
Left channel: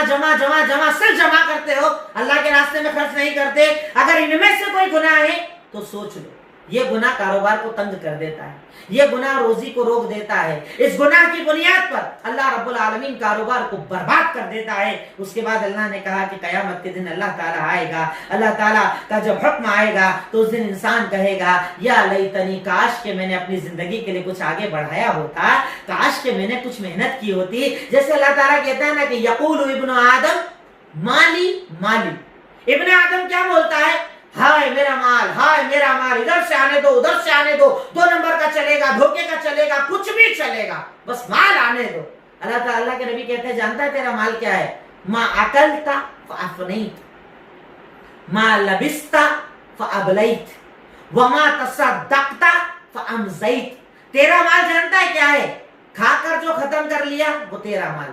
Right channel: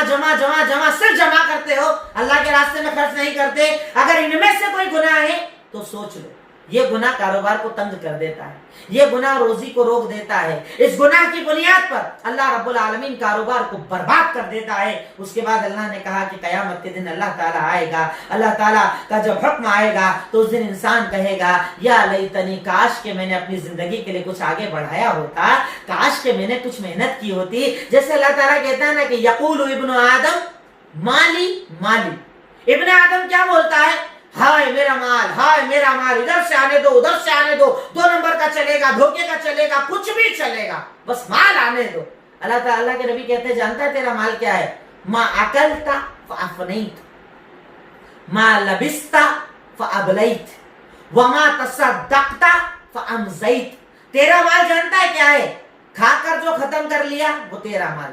صرف جمع کرتے ہو، اللہ کے راستے میں خرچ نہیں کرتے؟ اگر ان میں سے کوئی گناہ ہے تو سوچ لو، یہ گناہ کاروبار کو تنگ کر دیتا ہے، یہ گناہ روزی کو روک دیتا ہے، اس گناہ کی بنیاد پر اللہ رب العالمین کاروبار کو برباد کر دیتا ہے۔ اس کے بعد اللہ نے کہا کہ قیامت کے دن اللہ تعالیٰ آئے گا، اللہ تعالیٰ کا جب حکم آئے گا تو اس دن انسان کہے گا یا لیتنی، کاش کہ میں نے اپنی زندگی کے لیے کچھ آگے بڑھایا ہوتا، کاش کہ میں نے کچھ محنت کی ہوتی۔ جیسے اللہ تعالیٰ کہتا ہے نا کہ یقول ابن آدم مالی مالی، ابن آدم کیا بولتا ہے؟ ہائے میرا مال، ہائے میرا مال، ادھر سے آنے دو ادھر سے آنے دو، 2 نمبر کا چلے گا، دھوکے کا چلے گا، کچھ بھی چلے گا، بس مال آنے دو۔ اللہ تعالیٰ کے نبی کہتے ہیں جانتا ہے تیرا مال کیا ہے؟ ما اکلت فافنیت، ما لبست فابلیت، وما تصدقت فامزیت۔ تیرا مال جانتا ہے کیا ہے؟ کھا کر جو ختم کر لیا وہ تیرا مال،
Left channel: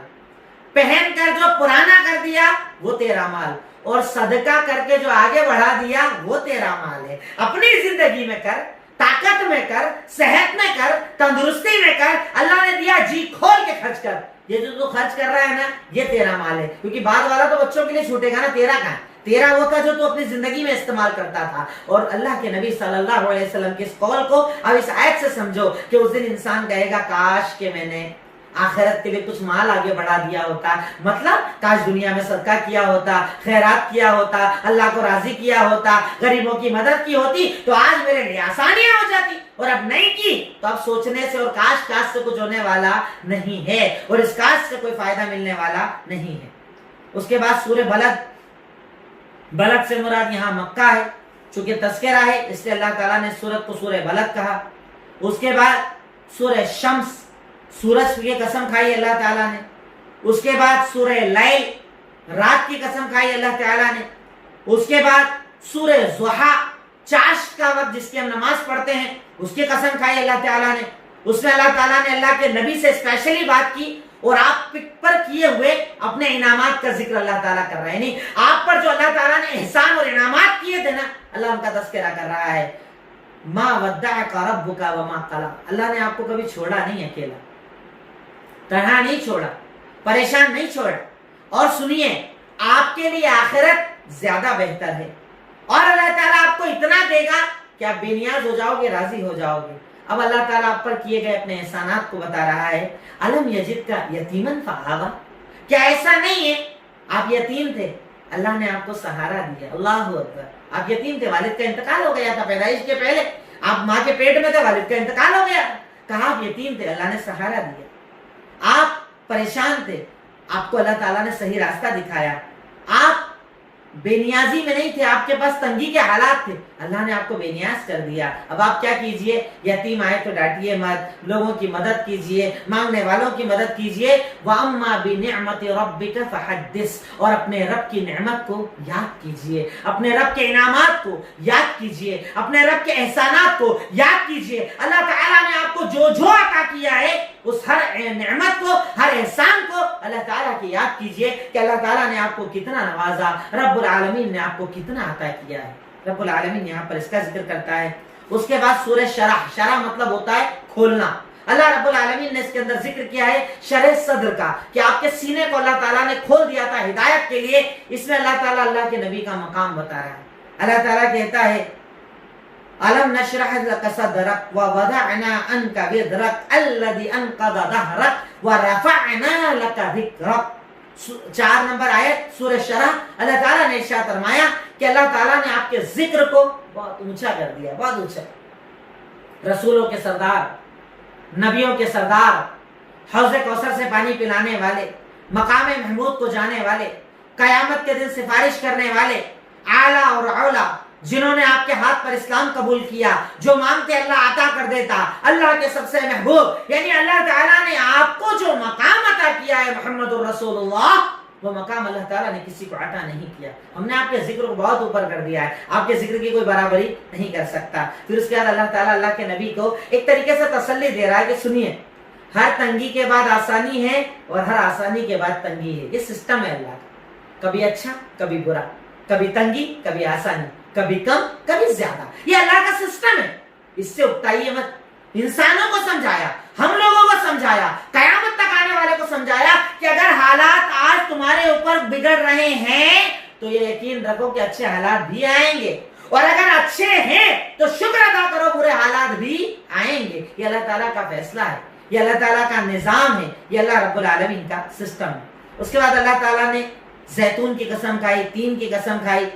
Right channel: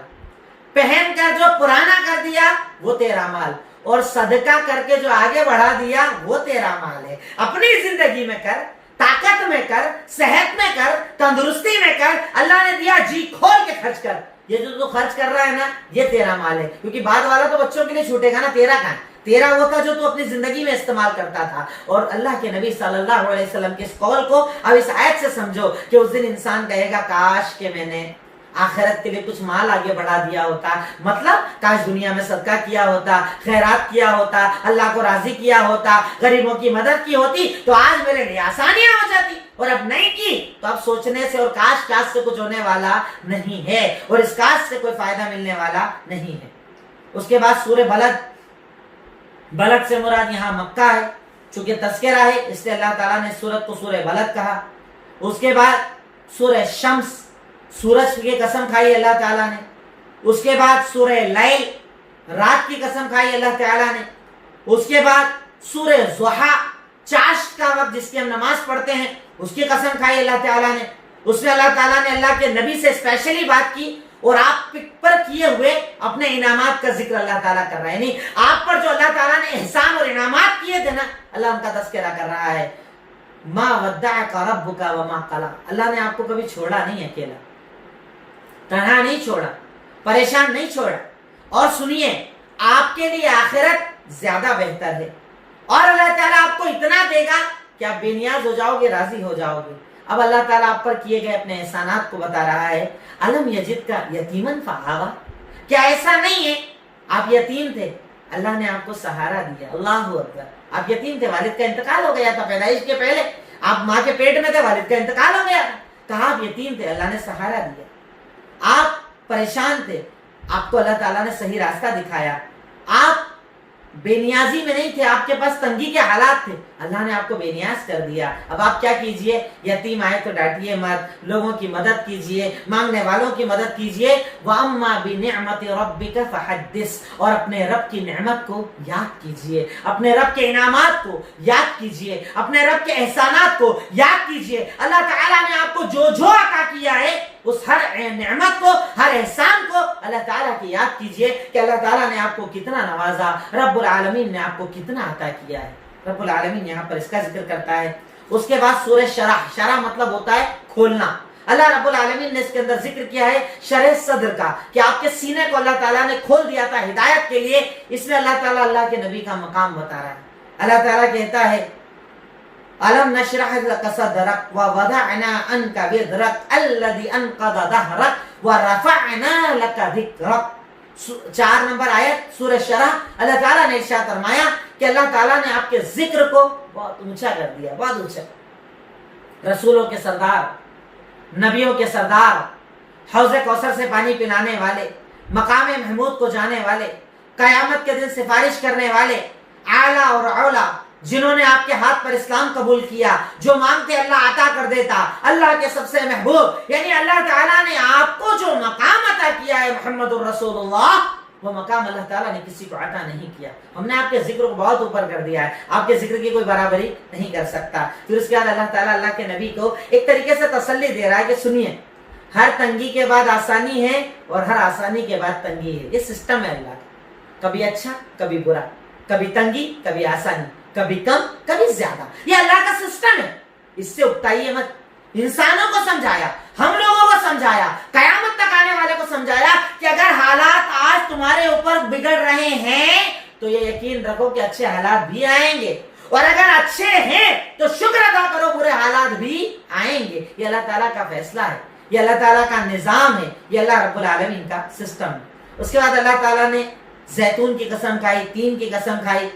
پہن کر جو پرانا کر دیا وہ تیرا مال، اور صدقہ کر کے جو آگے بڑھا دیا وہ تیرا مال ہے۔ اپنی زندگی میں کر، طاقت میں کر، صحت میں کر، تندرستی میں کر، اللہ نے دیا جی کھول کے خرچ کر۔ یہ جو تو خرچ کر رہا ہے نا یہ تیرا مال ہے، کیونکہ بعد والا تو بچوں کے لیے چھوٹے گا نا، تیرا کہاں؟ تیرا وہ تھا جو تو اپنی زندگی میں استعمال کرتا تھا۔ اور اللہ کے نبی صلی اللہ علیہ وسلم کے اس قول کو اب اس آیت سے سمجھو کہ اس دن انسان کہے گا کاش کہ میں نے آخرت کے لیے کچھ مال آگے بڑھا دیا ہوتا، مطلب کاش دنیا میں صدقہ کیا ہوتا، خیرات کیا ہوتا، اللہ کو راضی کیا ہوتا، غریبوں کی مدد کی ہوتی تو آج میرے لیے آسانیاں ہو جاتی، اور اب نہیں کی تو اب سوچنے سے اور کاش سے کچھ ہونے والا نہیں ہے، اور اس کاش سے کوئی فائدہ ملنے والا نہیں ہے۔ اس کے بعد سورہ بلد سے مراد یہاں مکہ ہے، چونکہ تذکرہ ہے اس لیے اللہ تعالیٰ نے سورت کو سورہ بلد کہا۔ اس کے بعد سورہ شمس، سورج کی قسم کھائی اللہ تعالیٰ نے۔ اس کے بعد سورہ لیل، رات کی قسم کھائی اللہ تعالیٰ نے۔ اس کے بعد سورہ ضحیٰ، چاشت کا وقت جس کی ہم نماز پڑھتے ہیں اس کی قسم کھائی اللہ تعالیٰ نے۔ اس میں اللہ تعالیٰ نے اللہ کے نبی سے اسپیشلی بات کی، اور آپ پر کیے ہوئے اپنے انعامات کا ذکر اللہ تعالیٰ کر رہا ہے، نہیں آپ پر جو اللہ تعالیٰ نے احسان اور انعامات کیے تھے نا اللہ ان کا تذکرہ کر رہا ہے۔ ما ودعک ربک وما قلی، اللہ نے آپ کو کبھی چھوڑا نہیں، اکیلا تنہا نہیں چھوڑا، پریشان نہیں چھوڑا۔ اور سنیے آپ کے لیے آخرت زیادہ بہتر ہے، اور اللہ تعالیٰ آپ کو اتنا دے گا کہ آپ بے نیاز ہو جاؤ گے، راضی ہو جاؤ گے۔ اب اللہ تعالیٰ آپ پر کیے گئے اپنے احسانات کو بتا رہا ہے۔ الم یجدک یتیمن فآویٰ، کیا ایسا نہیں ہے آپ یتیم تھے، اللہ نے آپ کو سہارا دیا۔ اللہ اکبر، آپ یتیم تھے، والد کا انتقال ہو گیا تھا پیدائش کے پہلے، آپ ماں کے پیٹ میں تھے، والد کا انتقال ہو گیا تھا، کہا آپ یتیم تھے، اللہ نے سہارا دیا۔ آپ پریشان تھے، آپ کو اللہ تعالیٰ نے صحیح راستہ دکھایا۔ آپ بے نیازی میں نہیں تھے، آپ کے پاس تنگی کے حالات تھے، اللہ نے آپ کو بے نیاز کر دیا۔ اب آپ کیا کیجئے؟ یتیم آئے تو ڈانٹیے مت، لوگوں کی مدد کیجئے، مانگنے والوں کی مدد کیجئے۔ وَأَمَّا بِنِعْمَةِ رَبِّكَ فَحَدِّثْ، اور اپنے رب کی نعمت کو یاد کیجئے، اپنے رب کے انعامات کو یاد کیجئے، اپنے رب کے احسانات کو یاد کیجئے۔ اللہ تعالیٰ نے آپ کو جو جو عطا کیا ہے، اس ہر نعمت کو، ہر احسان کو اللہ تعالیٰ کی یاد کیجئے کہ اللہ تعالیٰ نے آپ کو کتنا نوازا، رب العالمین نے آپ کو کتنا عطا کیا ہے۔ رب العالمین یہاں پر اس کا ذکر کرتا ہے۔ اس کے بعد سورہ شرح، شرح مطلب ہوتا ہے کھولنا۔ اللہ رب العالمین نے اس کے اندر ذکر کیا ہے شرح صدر کا، کہ آپ کے سینے کو اللہ تعالیٰ نے کھول دیا تھا ہدایت کے لیے۔ اس میں اللہ تعالیٰ اللہ کے نبی کا مقام بتا رہا ہے۔ اللہ تعالیٰ کہتا ہے أَلَمْ نَشْرَحْ لَكَ صَدْرَكَ وَوَضَعْنَا عَنْكَ وِزْرَكَ الَّذِي أَنْقَضَ ظَهْرَكَ وَرَفَعْنَا لَكَ ذِكْرَكَ۔ 4 نمبر آیت سورہ شرح۔ اللہ تعالیٰ نے ارشاد فرمایا کہ اللہ تعالیٰ نے آپ کے ذکر کو بہت اونچا کر دیا، بہت اونچا۔ رسولوں کے سردار، نبیوں کے سردار، حوض کوثر سے پانی پلانے والے، مقام محمود کو جانے والے، قیامت کے دن سفارش کرنے والے، اعلیٰ اور اولا، جنہوں نے آپ کے ہاتھ پر اسلام قبول کیا، جو مانگتے اللہ عطا کر دیتا، اللہ کے سب سے محبوب، یعنی اللہ تعالیٰ نے آپ کو جو مقام عطا کیا ہے محمد الرسول اللہ، وہ مقام اللہ تعالیٰ نے کسی کو عطا نہیں کیا۔ ہم نے آپ کے ذکر کو بہت اوپر کر دیا ہے، آپ کے ذکر کی کوئی برابری نہیں کر سکتا۔ پھر اس کے بعد اللہ تعالیٰ اللہ کے نبی کو ایک طریقے سے تسلی دے رہا ہے کہ سنیے، ہر تنگی کے بعد آسانی ہے اور ہر آسانی کے بعد تنگی ہے۔ یہ سسٹم ہے اللہ کا، کبھی اچھا کبھی برا، کبھی تنگی کبھی آسانی، کبھی کم کبھی زیادہ، یہ اللہ کا سسٹم ہے۔ اس سے اکتائیے مت۔ انسانوں کو سمجھایا، ہم لوگوں کو سمجھایا، قیامت تک آنے والے کو سمجھایا کہ اگر حالات آج تمہارے اوپر بگڑ رہے ہیں تو یہ یقین رکھو کہ اچھے حالات بھی آئیں گے، اور اگر اچھے ہیں تو شکر ادا کرو، برے حالات بھی آئیں گے۔ یہ اللہ تعالیٰ کا فیصلہ ہے، یہ اللہ تعالیٰ کا نظام ہے، یہ اللہ رب العالمین کا سسٹم ہے۔ اس کے بعد اللہ تعالیٰ نے زیتون کی قسم کھائی، تین کی قسم کھائی،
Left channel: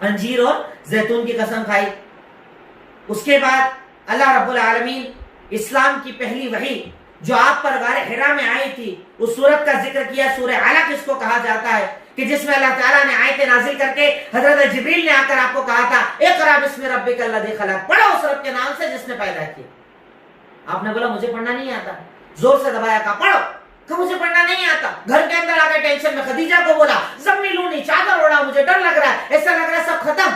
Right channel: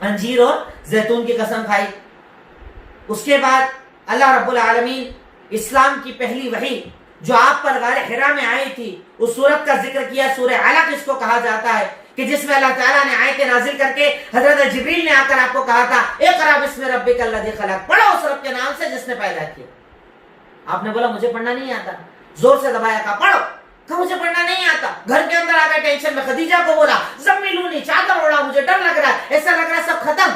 انجیر اور زیتون کی قسم کھائی۔ اس کے بعد اللہ رب العالمین اسلام کی پہلی وحی جو آپ پر غار حرا میں آئی تھی، اس سورت کا ذکر کیا، سورہ علق اس کو کہا جاتا ہے، کہ جس میں اللہ تعالیٰ نے آیتیں نازل کر کے حضرت جبریل نے آ کر آپ کو کہا تھا اقرأ بسم ربک الذی خلق، پڑھو اس رب کے نام سے جس نے پیدا کیا۔ آپ نے بولا مجھے پڑھنا نہیں آتا، زور سے دبایا، کہا پڑھو، کہ مجھے پڑھنا نہیں آتا۔ گھر کے اندر آ گئے ٹینشن میں، خدیجہ کو بولا زملونی، چادر اوڑا، مجھے ڈر لگ رہا ہے، ایسا لگ رہا ہے سب ختم۔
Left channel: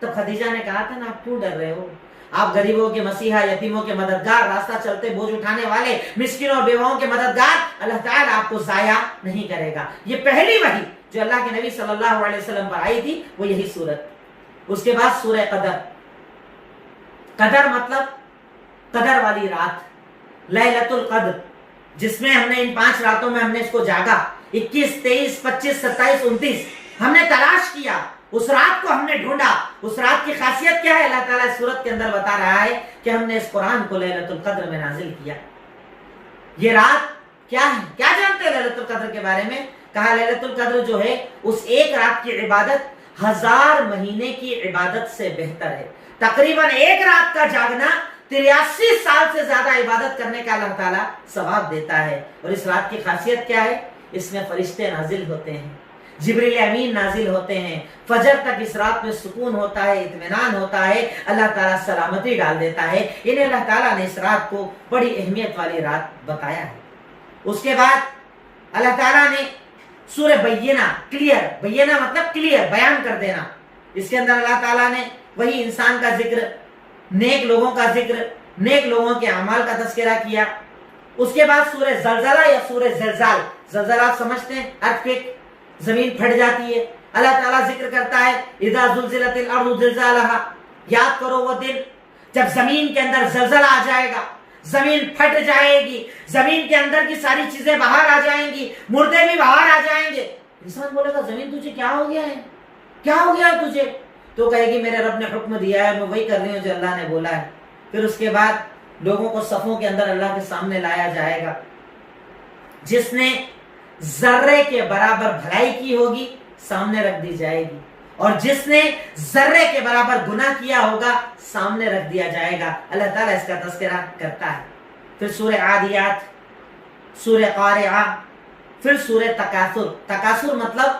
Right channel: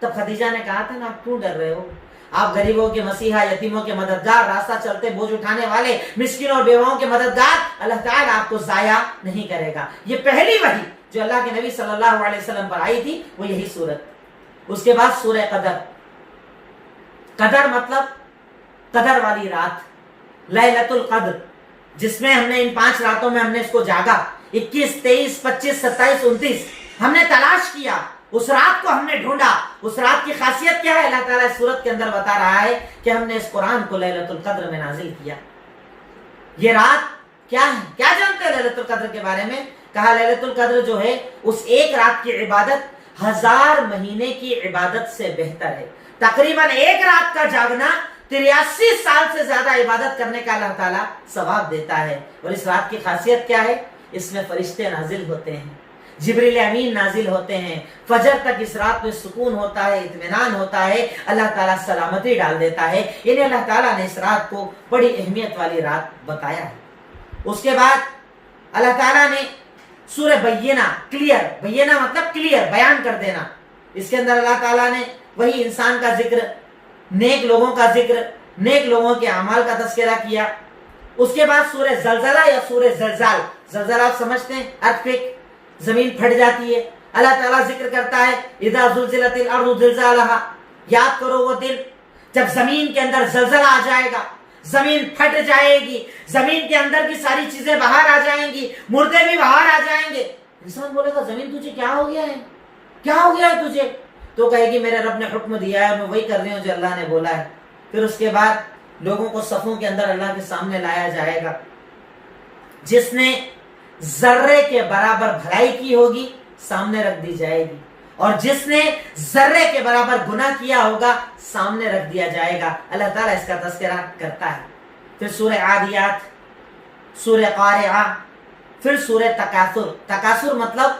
تب خدیجہ نے کہا تھا نا آپ کیوں ڈر رہے ہو، آپ غریبوں کے مسیحا، یتیموں کے مددگار، راستہ چلتے بوجھ اٹھانے والے، مسکینوں اور بیواؤں کے مددگار، اللہ تعالیٰ آپ کو ضائع نہیں کرے گا۔ یہ پہلی وحی جو اللہ کے نبی صلی اللہ علیہ وسلم پر آئی تھی وہ یہی سورت۔ اس کے بعد سورہ قدر۔ قدر مطلب قدر والی رات، لیلۃ القدر، جس میں ہم نے ان 5 راتوں میں ہم نے اس کو جاگا، 21، 23، 25، 27، 29 ہم نے تلاش کیا، اس رات کو ہم نے ڈھونڈا۔ اس رات کی خاصیت کیا ہے اللہ تعالیٰ اس سورت کے اندر بتا رہا ہے کہ ہم نے اس قرآن کو لیلۃ القدر میں نازل کیا۔ یہ رات کیا ہے، کیا جانتے ہیں لیلۃ القدر کے بارے میں؟ کہا لیلۃ القدر جو ہے اس ایک رات کی عبادت 1000 مہینے کی عبادت سے بہتر ہے۔ تقریباً ایک رات کا جاگنا 83 سال سے زیادہ عبادت کرنے کا اللہ تعالیٰ ثواب دیتا ہے۔ اور اس رات کی خاصیت کیا ہے؟ اس میں فرشتے نازل ہوتے ہیں، جبریل امین نازل ہوتے ہیں، فجر تک اس رات میں سکون ہوتا ہے، اطمینان ہوتا ہے، اللہ تعالیٰ سلامتی ڈال دیتا ہے۔ انہیں اللہ تعالیٰ نے اس رات کو بڑی اہمیت والی رات بتایا ہے۔ اس کے بعد اللہ تعالیٰ نے سورہ بینہ، کلیئر، بینہ مطلب کلیئر، بیان کر دینا، اس کے اندر اللہ تعالیٰ نے وہی انسان کا ذکر، نیک لوگوں کا ذکر، نیک لوگوں کے اعمال کا تذکرہ کیا۔ اس کے بعد سورہ زلزلہ یا سورہ زلزال، زلزلہ آپ سمجھتے ہیں، ارتھکویک، زمین پھٹ جاتی ہے، اللہ تعالیٰ ذکر کرتا ہے اذا زلزلت الارض زلزالها، یاد کرو وہ دن جب زمین کے اندر زلزلہ آ جائے گا، زمین پھٹ جائے گی، زمین کے اندر کی ساری چیزیں باہر آ جائیں گی، مردے بھی باہر آ جائیں گے۔ انسان بولے گا زمین تجھے کیا ہو گیا ہے، کیا ہو گیا ہے تجھے؟ تو کہے گی میرے رب نے حکم دیا ہے، میں وہی کر رہی ہوں جو اللہ نے بولا ہے۔ پھر اس کے بعد لوگوں کو صفوں کے اندر اللہ کے سامنے لایا جائے گا، جس نے ذرے کے برابر بھلائی کی ہوگی سامنے رکھ دی جائے گی، اور جس نے ذرے کے برابر گناہ کیا ہوگا سامنے رکھ دیا جائے گا۔ اللہ تعالیٰ اس کا تذکرہ کرتا ہے۔ پھر سورہ عادیات، سورہ قارعہ، پھر سورہ تکاثر۔ تکاثر مطلب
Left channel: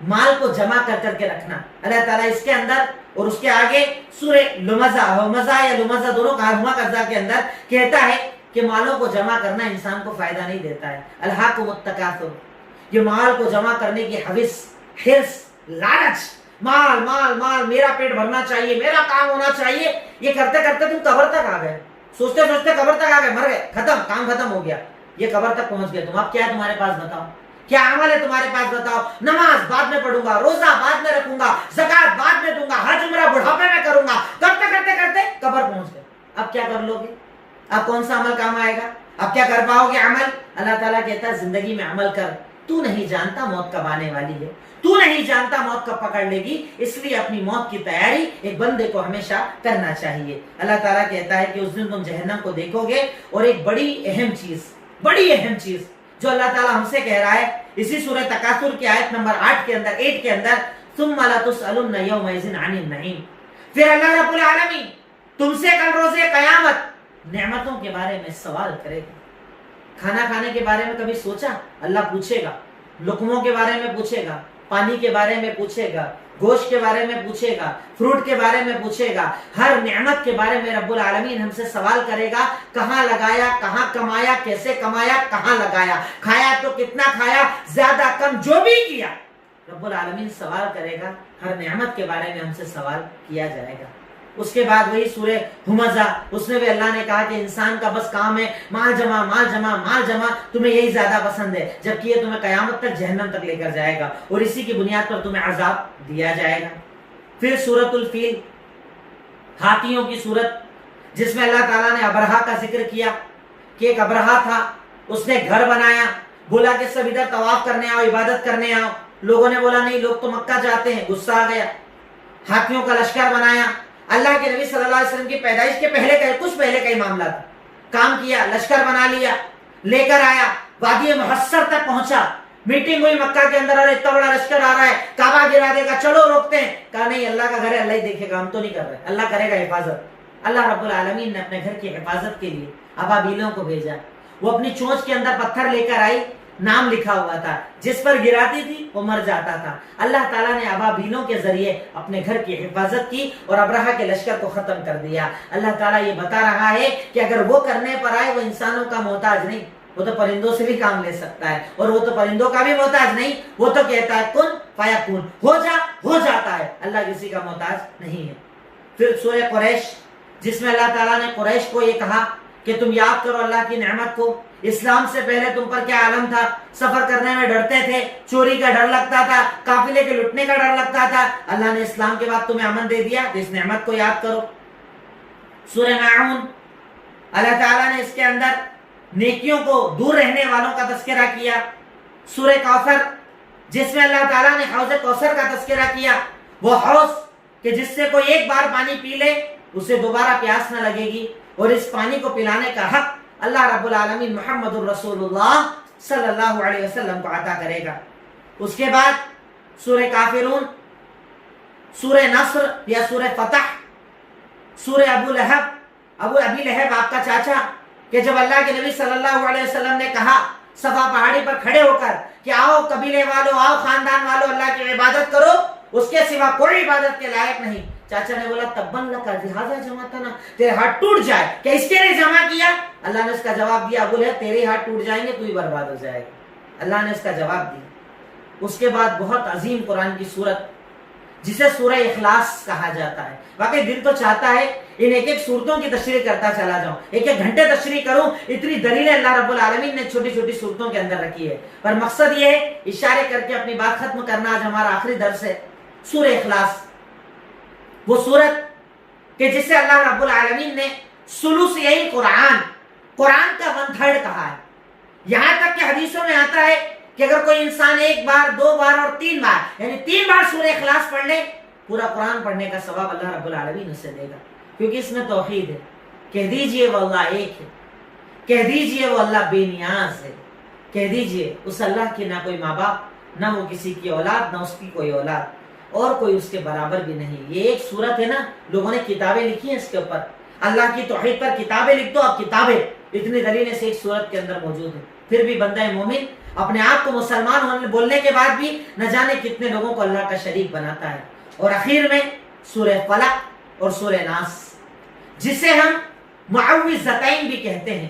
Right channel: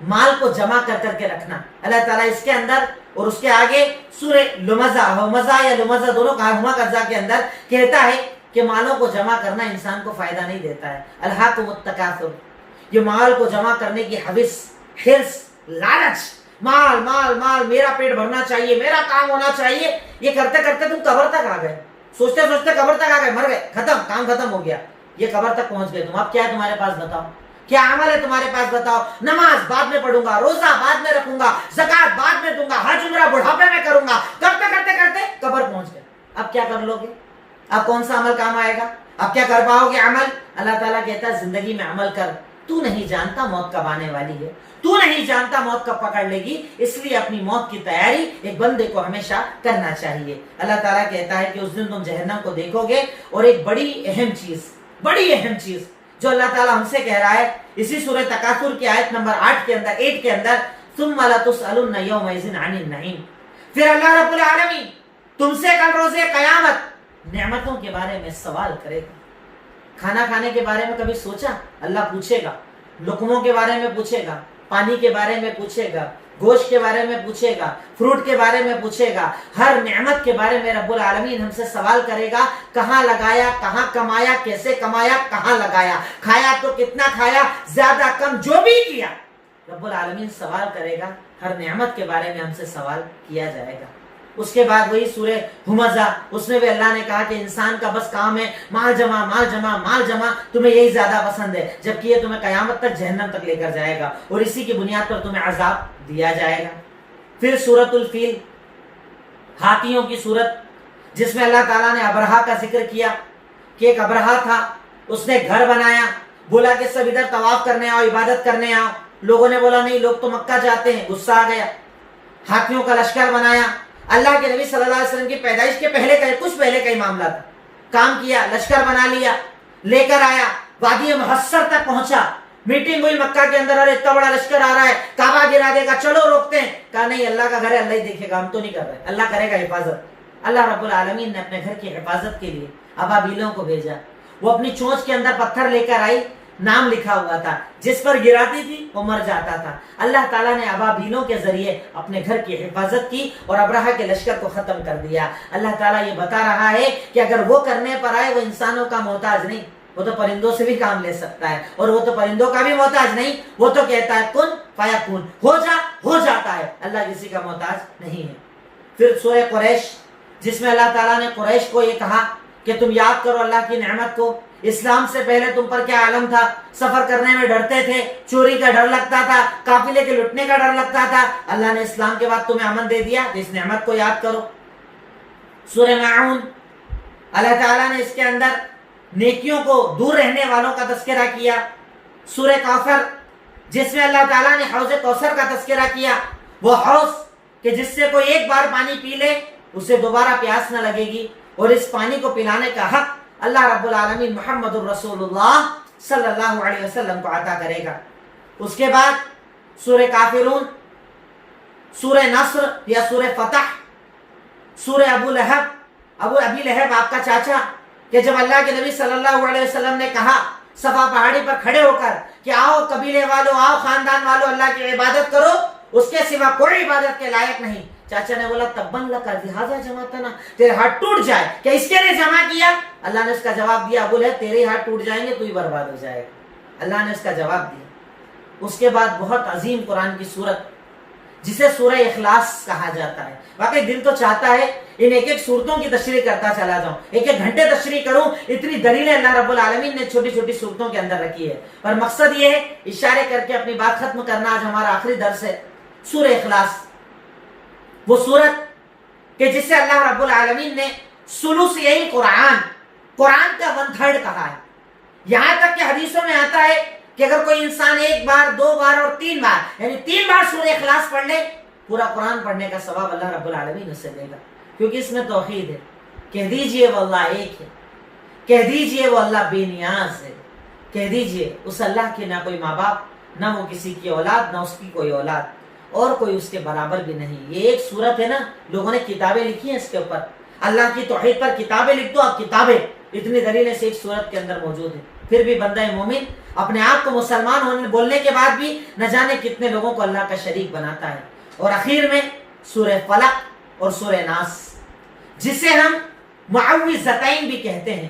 مال کو جمع کر کر کے رکھنا. اللہ تعالیٰ اس کے اندر اور اس کے آگے سورہ ہمزہ یا لمزہ دونوں ہما قضا کے اندر کہتا ہے کہ مالوں کو جمع کرنا انسان کو فائدہ نہیں دیتا ہے. الہاکم التکاثر، یہ مال کو جمع کرنے کی حوث، حرص، لالچ، مال مال مال، میرا پیٹ بھرنا چاہیے، میرا کام ہونا چاہیے، یہ کرتے کرتے تم قبر تک آ گئے. سوچتے سوچتے قبر تک آ گئے، مر گئے، ختم، کام ختم ہو گیا. یہ قبر تک پہنچ گئے تم. اب کیا ہے تمہارے پاس بتاؤ؟ کیا عمل ہے تمہارے پاس بتاؤ؟ نماز بعد میں پڑھوں گا، روزہ بعد میں رکھوں گا، زکات بعد میں دوں گا، حج عمرہ بڑھاپے میں کروں گا، کرتے کرتے کرتے قبر پہنچ گئے. اب کیا کر لو گے؟ اب کون سا عمل کام آئے گا؟ اب کیا کر پاؤ گے عمل؟ اللہ تعالیٰ کہتا ہے زندگی میں عمل کر. تو نہیں جانتا موت کب آنے والی ہے، تو نہیں جانتا موت کب پکڑ لے گی، اس لیے اپنی موت کی تیاری ایک بندے کو ہمیشہ کرنا چاہیے. اللہ تعالیٰ کہتا ہے کہ اس دن تم جہنم کو دیکھو گے. اور ایک بڑی اہم چیز جو اللہ تعالیٰ ہم سے کہہ رہا ہے اسی سورہ تکاثر کی آیت نمبر 8 کے اندر ثم لتسألن یومئذ عن النعیم. پھر اللہ رب العالمین تم سے کل روز قیامت نعمتوں کے بارے میں سوال کرے گا. کھانا کھانے کے بارے میں کبھی سوچا؟ اللہ پوچھے گا. لقموں کے بارے میں پوچھے گا، پانی کے بارے میں پوچھے گا، گوشت کے بارے میں پوچھے گا، فروٹ کے بارے میں پوچھے گا. ہر نعمت کے بارے میں رب العالمین ہم سے سوال کرے گا. کہاں لگایا، کہاں کمایا، کیسے کمایا، کہاں لگایا، کھایا تو کتنا کھایا، زیادہ کم جو بھی کیا، رب العالمین سوال کرے گا. ہر نعمت کے بارے میں ہم سے سوال کیا جائے گا. اس کے بعد وہی سورہ ہمزہ، اس میں بھی اللہ نے کہا کہ انسان کا بس کام ہے مال جمع مال جمع مال جمع، تمہیں یہی زیادہ پسند ہے، جبکہ یہ تمہیں قیامت تک جہنم تک لے کر جائے گا اور اسی کی بنیاد پر تمہیں عذاب دیا جائے گا. پھر سورۃ الفیل، ہاتھیوں کی صورت، جس میں اللہ تعالیٰ نے ابرہا کا ذکر کیا کہ ایک ابرہا تھا، اس نے گھر بنایا، بولا کہ سب ادھر طواف کرنے آؤ، عبادت کرنے آؤ. لوگوں نے بولا نہیں، لوگ تو مکہ جاتے ہیں. غصہ آ گیا، ہاتھیوں کا لشکر بنایا. اللہ کے نبی صلی اللہ علیہ وسلم کی پیدائش کے کچھ پہلے کا ہی معاملہ تھا. کام کیا، لشکر بنا لیا، لے کر آیا، وادی محصر تک پہنچا. میٹنگ ہوئی مکہ کے اندر، اور اتنا بڑا لشکر آ رہا ہے، کعبہ گرا دے گا، چلو روکتے ہیں. کہا نہیں، اللہ کا گھر ہے، اللہ ہی دیکھے گا، ہم تو نہیں کر رہے، اللہ کرے گا حفاظت. اللہ رب العالمین نے اپنے گھر کی حفاظت کے لیے ابابیلوں کو بھیجا. وہ اپنی چونچ کے اندر پتھر لے کر آئی، نام لکھا ہوا تھا، جس پر گراتی تھی وہ مر جاتا تھا. اللہ تعالیٰ نے ابابیلوں کے ذریعے اپنے گھر کی حفاظت کی اور ابرہا کے لشکر کو ختم کر دیا. اللہ تعالیٰ یہ بتا رہا ہے کہ اگر وہ کرنے پر آئے، وہ انسانوں کا محتاج نہیں، وہ تو پرندوں سے بھی کام لے سکتا ہے، اور وہ تو پرندوں کا بھی محتاج نہیں. وہ تو کہتا ہے کن فیکون، ہو جاتا ہے. اللہ کسی کا محتاج نہیں ہے. پھر سورہ قریش، جس میں اللہ تعالیٰ نے قریش کو یہ کہا کہ تم یاد کرو اللہ کی نعمت کو. اسلام سے پہلے تم پر کیا عالم تھا؟ سفر کرنے میں ڈرتے تھے، چوری کا ڈر لگتا تھا، قافلے کے لٹنے کا ڈر لگتا تھا. اللہ نے اسلام کے بعد تمہیں امن دے دیا، تو اس نعمت کو یاد کرو. سورہ ماعون، اللہ تعالیٰ نے اس کے اندر نیکیوں کو دور رہنے والوں کا تذکرہ کیا. سورہ کوثر، جس میں اللہ تعالیٰ نے حوض کوثر کا تذکرہ کیا، وہ حوض کہ جس سے کوئی ایک بار پانی پی لے اسے دوبارہ پیاس نہ لگے گی، اور اس پانی کو پلانے کا حق اللہ رب العالمین محمد الرسول اللہ صلی اللہ علیہ وسلم کو عطا کرے گا. اس کے بعد سورہ کافرون، سورہ نصر یا سورہ فتح، سورہ ابو ابی لہب آپ کا چاچا، کہ جب اللہ کے نبی صلی اللہ علیہ وسلم نے کہا صفا پہاڑی پر کھڑے ہو کر کہ آؤ قبیلے والوں، آؤ خاندان والوں، اللہ کی عبادت کرو، اس کے سوا کوئی عبادت کے لائق نہیں. چاچا نے بولا تبن لکا لہذا جمعتنا، تیرے ہاتھ ٹوٹ جائے، کہ اس کے لیے جمع کیا؟ اللہ نے اس کا جواب دیا، ابو لہب تیرے ہاتھ ٹوٹ جائیں گے، تو ہی برباد ہو جائے گا. اللہ نے اس کا جواب دیا. اس کے بعد بہت عظیم قرآن کی سورت، جسے سورہ اخلاص کہا جاتا ہے. واقعی دل تو چاہتا ہے ان ایک ایک سورتوں کی تشریح کرتا چلا جاؤں، ایک ایک گھنٹے تشریح کروں. اتنی دلیلیں اللہ رب العالمین نے چھوٹی چھوٹی سورتوں کے اندر رکھی ہے، پر مقصد یہ ہے اشارے کر کے اپنی بات ختم کرنا. آج ہمارا آخری درس ہے سورہ اخلاص، وہ سورت کہ جسے اللہ رب العالمین نے ثلثی قرآن کا 1/3 کہا ہے. یہاں تک کہ حدیثوں میں آتا ہے کہ اگر کوئی انسان 1 بار 2 بار اور 3 بار یعنی 3 بار سورہ اخلاص پڑھ لے، پورا قرآن پڑھنے کا ثواب اللہ رب العالمین اسے دے گا. کیونکہ اس میں توحید ہے. کہہ دیجئے وہ اللہ ایک ہے، کہہ دیجئے وہ اللہ بے نیاز ہے، کہہ دیجئے اس اللہ کی نہ کوئی ماں باپ، نہ وہ کسی کی اولاد، نہ اس کی کوئی اولاد، اور کوئی اس کے برابر بھی نہیں. یہ ایک سورت ہے نا، لوگوں نے کتابیں لکھی ہیں اس کے اوپر. اللہ کی توحید پر کتابیں لکھ دو، اب کتابیں اتنی دلیلیں سے ایک سورت کے اندر موجود ہیں. پھر بھی بندہ مومن اپنے آپ کو مسلمان ہونے بولنے کے بعد بھی نہ جانے کتنے لوگوں کو اللہ کا شریک بناتا ہے. اور اخیر میں سورہ فلق اور سورہ ناس جسے ہم معوذتین بھی کہتے ہیں،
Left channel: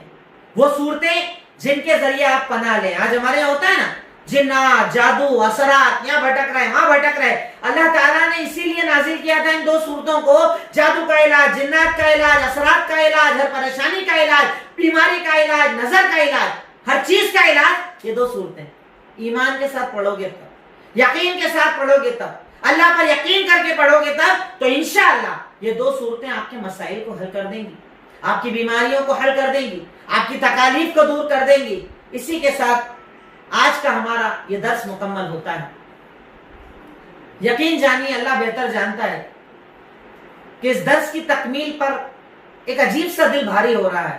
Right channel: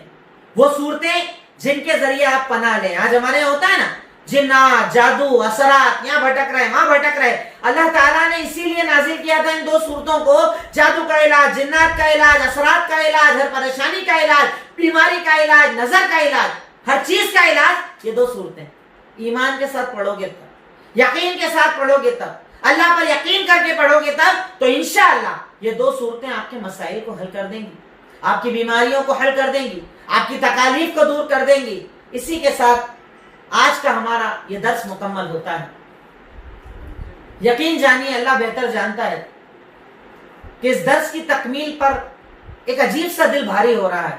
وہ صورتیں جن کے ذریعے آپ پناہ لیں. آج ہمارے یہاں ہوتا ہے نا جنات، جادو، اثرات، یہاں بھٹک رہے وہاں بھٹک رہے. اللہ تعالیٰ نے اسی لیے نازل کیا تھا ان 2 صورتوں کو، جادو کا علاج، جنات کا علاج، اثرات کا علاج، ہر پریشانی کا علاج، بیماری کا علاج، نظر کا علاج، ہر چیز کا علاج. یہ 2 صورتیں ایمان کے ساتھ پڑھو گے تب، یقین کے ساتھ پڑھو گے تب، اللہ پر یقین کر کے پڑھو گے تب، تو انشاءاللہ یہ 2 صورتیں آپ کے مسائل کو حل کر دیں گی، آپ کی بیماریوں کو حل کر دیں گی، آپ کی تکالیف کو دور کر دیں گی. اسی کے ساتھ آج کا ہمارا یہ درس مکمل ہوتا ہے. یقین جانیے اللہ بہتر جانتا ہے کہ اس درس کی تکمیل پر ایک عجیب سا دل بھاری ہو رہا ہے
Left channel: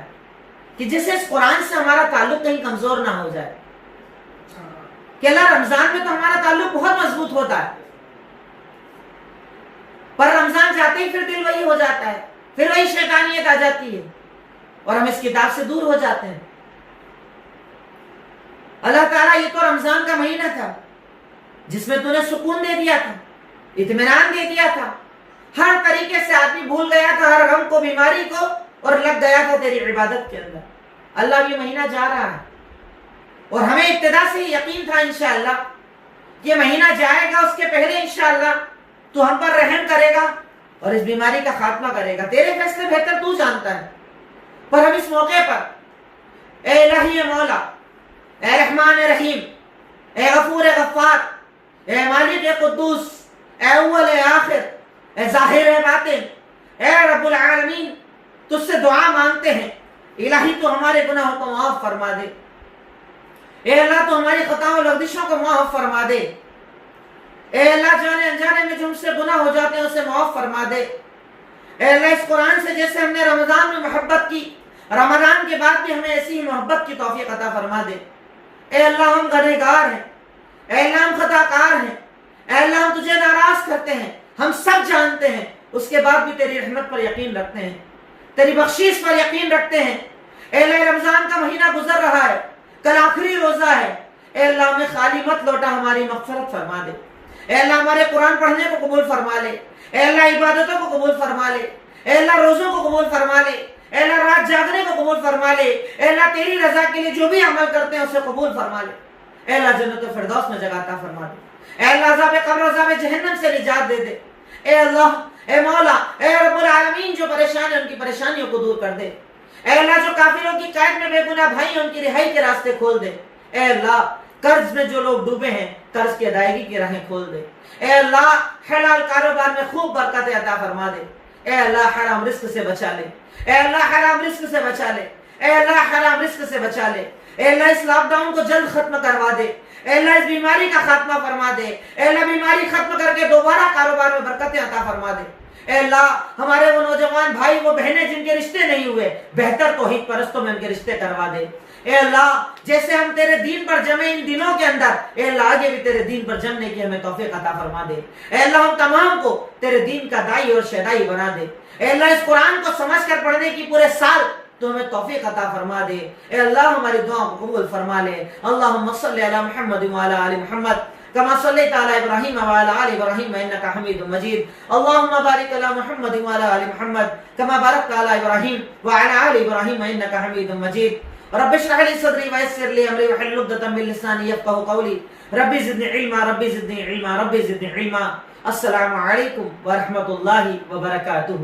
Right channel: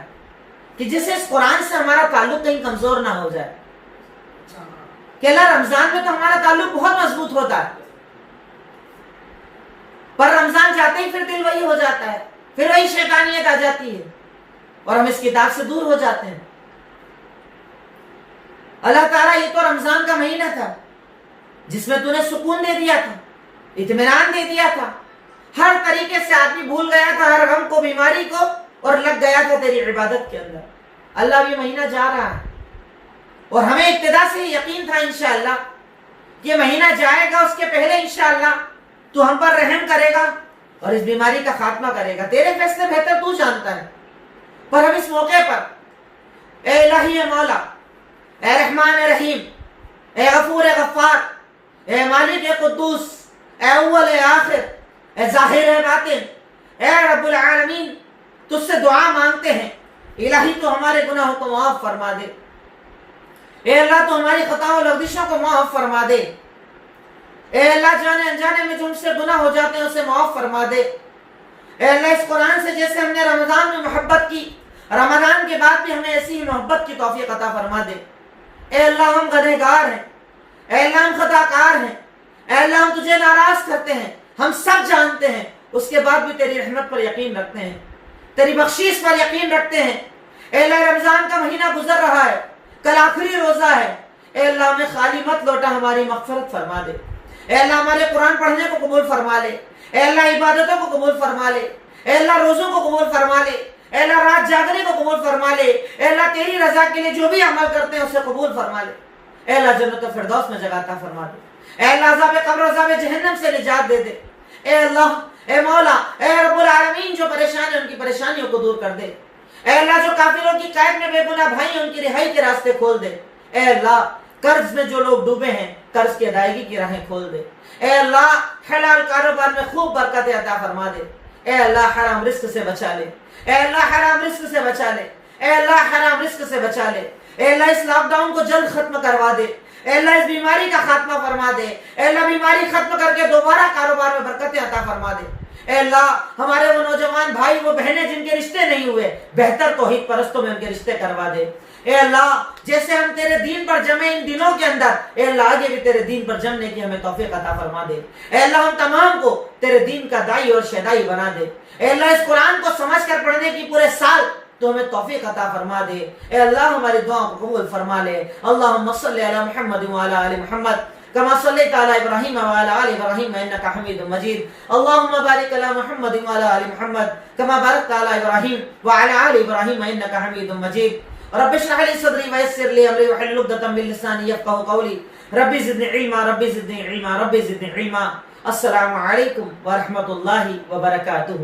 کہ جسے اس قرآن سے ہمارا تعلق کہیں کمزور نہ ہو جائے. کہ اللہ رمضان میں تو ہمارا تعلق بہت مضبوط ہوتا ہے، پر رمضان جاتے ہی پھر دل وہی ہو جاتا ہے، پھر وہی شیطانیت آ جاتی ہے اور ہم اس کتاب سے دور ہو جاتے ہیں. اللہ تعالیٰ یہ تو رمضان کا مہینہ تھا جس میں تو نے سکون دے دیا تھا، اطمینان دے دیا تھا، ہر طریقے سے آدمی بھول گیا تھا ہر غم کو، بیماری کو، اور لگ گیا تھا تیری عبادت کے اندر. اللہ یہ مہینہ جا رہا ہے اور ہمیں ابتدا سے ہی یقین تھا انشاءاللہ کہ یہ مہینہ جائے گا، اس کے پہلے انشاءاللہ تو ہم پر رحم کرے گا اور اس بیماری کا خاتمہ کرے گا. تیرے فیصلے بہتر تو جانتا ہے. پر ہم اس موقع پر اے الہی مولا، اے رحمان رحیم، اے غفور غفار، اے مالک قدوس، اے اول اے آخر، اے ظاہر اے باطن، اے رب العالمین، تجھ سے دعا مانگتے ہیں الہی تو ہمارے گناہوں کو معاف فرما دے. اے اللہ تو ہماری خطاؤں اور لغزشوں کو معاف فرما دے. اے اللہ جانے انجانے میں جو ہم سے گناہ ہو جاتے ہیں اسے معاف فرما دے. اے اللہ اس قرآن سے جیسے ہم نے رمضان میں محبت کی، رمضان کے بعد بھی ہمیں ایسی ہی محبت کی توفیق عطا فرما دے. اے اللہ ہم گنہگار ہیں، اے اللہ ہم خطا کار ہیں، اے اللہ ہم تجھے ناراض کرتے ہیں، ہم سب جانتے ہیں، اس کے بعد بھی تیری رحمت پر یقین رکھتے ہیں، تیری بخشش پر یقین رکھتے ہیں. اے اللہ رمضان کا مہینہ گزر رہا ہے، کل آخری روزہ ہے. اے اللہ ہمیں خالی مت لوٹا، ہماری مغفرت فرما دے. اے اللہ ہمارے قرآن پڑھنے کو قبول فرما لے. اے اللہ عبادتوں کو قبول فرما لے. اے اللہ روزوں کو قبول فرما لے. اے اللہ رات جاگنے کو قبول فرما لے. اے اللہ تیری رضا کے لیے جو بھی عمل کرتے ہیں اسے قبول فرما لے. اے اللہ جنت الفردوس میں جگہ عطا فرما دے. اے اللہ عذاب قبر و عذاب جہنم سے نجات دے دے. اے اللہ، اے مولا، اے رب العالمین، جو پریشان ہیں ان کی پریشانیوں کو دور کر دے. اے اللہ جو کافروں کی قید میں بے گناہ بھائی ہیں ان کی رہائی کے راستے کھول دے. اے اللہ قرض میں جو لوگ ڈوبے ہیں قرض کی ادائیگی کی راہیں کھول دے. اے اللہ حلال کاروبار میں خوب برکت عطا فرما دے. اے اللہ حرام رزق سے بچا لے. اے اللہ حرام رزق سے بچا لے. اے اللہ حرام رزق سے بچا لے. اے اللہ اس لاک ڈاؤن کو جلد ختم کروا دے. اے اللہ اس بیماری کا خاتمہ فرما دے. اے اللہ بیماری ختم کر کے دوبارہ کاروبار میں برکتیں عطا فرما دے. اے اللہ ہمارے وہ نوجوان بھائی، وہ بہنیں جن کے رشتے نہیں ہوئے، بہتر توحید پرستوں میں ان کے رشتے کروا دے. اے اللہ جیسے ہم تیرے دین پر جمے ان دنوں کے اندر، اے اللہ آگے بھی تیرے دین پر جمنے کی ہمیں توفیق عطا فرما دے. اے اللہ ہم تمام کو تیرے دین کا دائی اور شیدائی بنا دے. اے اللہ اس قرآن کو سمجھ کر پڑھنے کی پورے سال تو ہمیں توفیق عطا فرما دے. اے اللہ ہماری دعاؤں کو قبول فرما لے. اللہم صلی علی محمد وعلی آل محمد كما صليت على إبراهيم وعلى آل إبراهيم إنك حميد مجيد. اللهم بارك على محمد وعلى آل محمد كما باركت على إبراهيم وعلى آل إبراهيم إنك حميد مجيد. رب اشرح لي صدري ويسر لي أمري واحلل عقدة من لساني يفقهوا قولي. ربي زدني علما، ربي زدني علما، ربي زدني علما. السلام عليكم ورحمة الله وبركاته.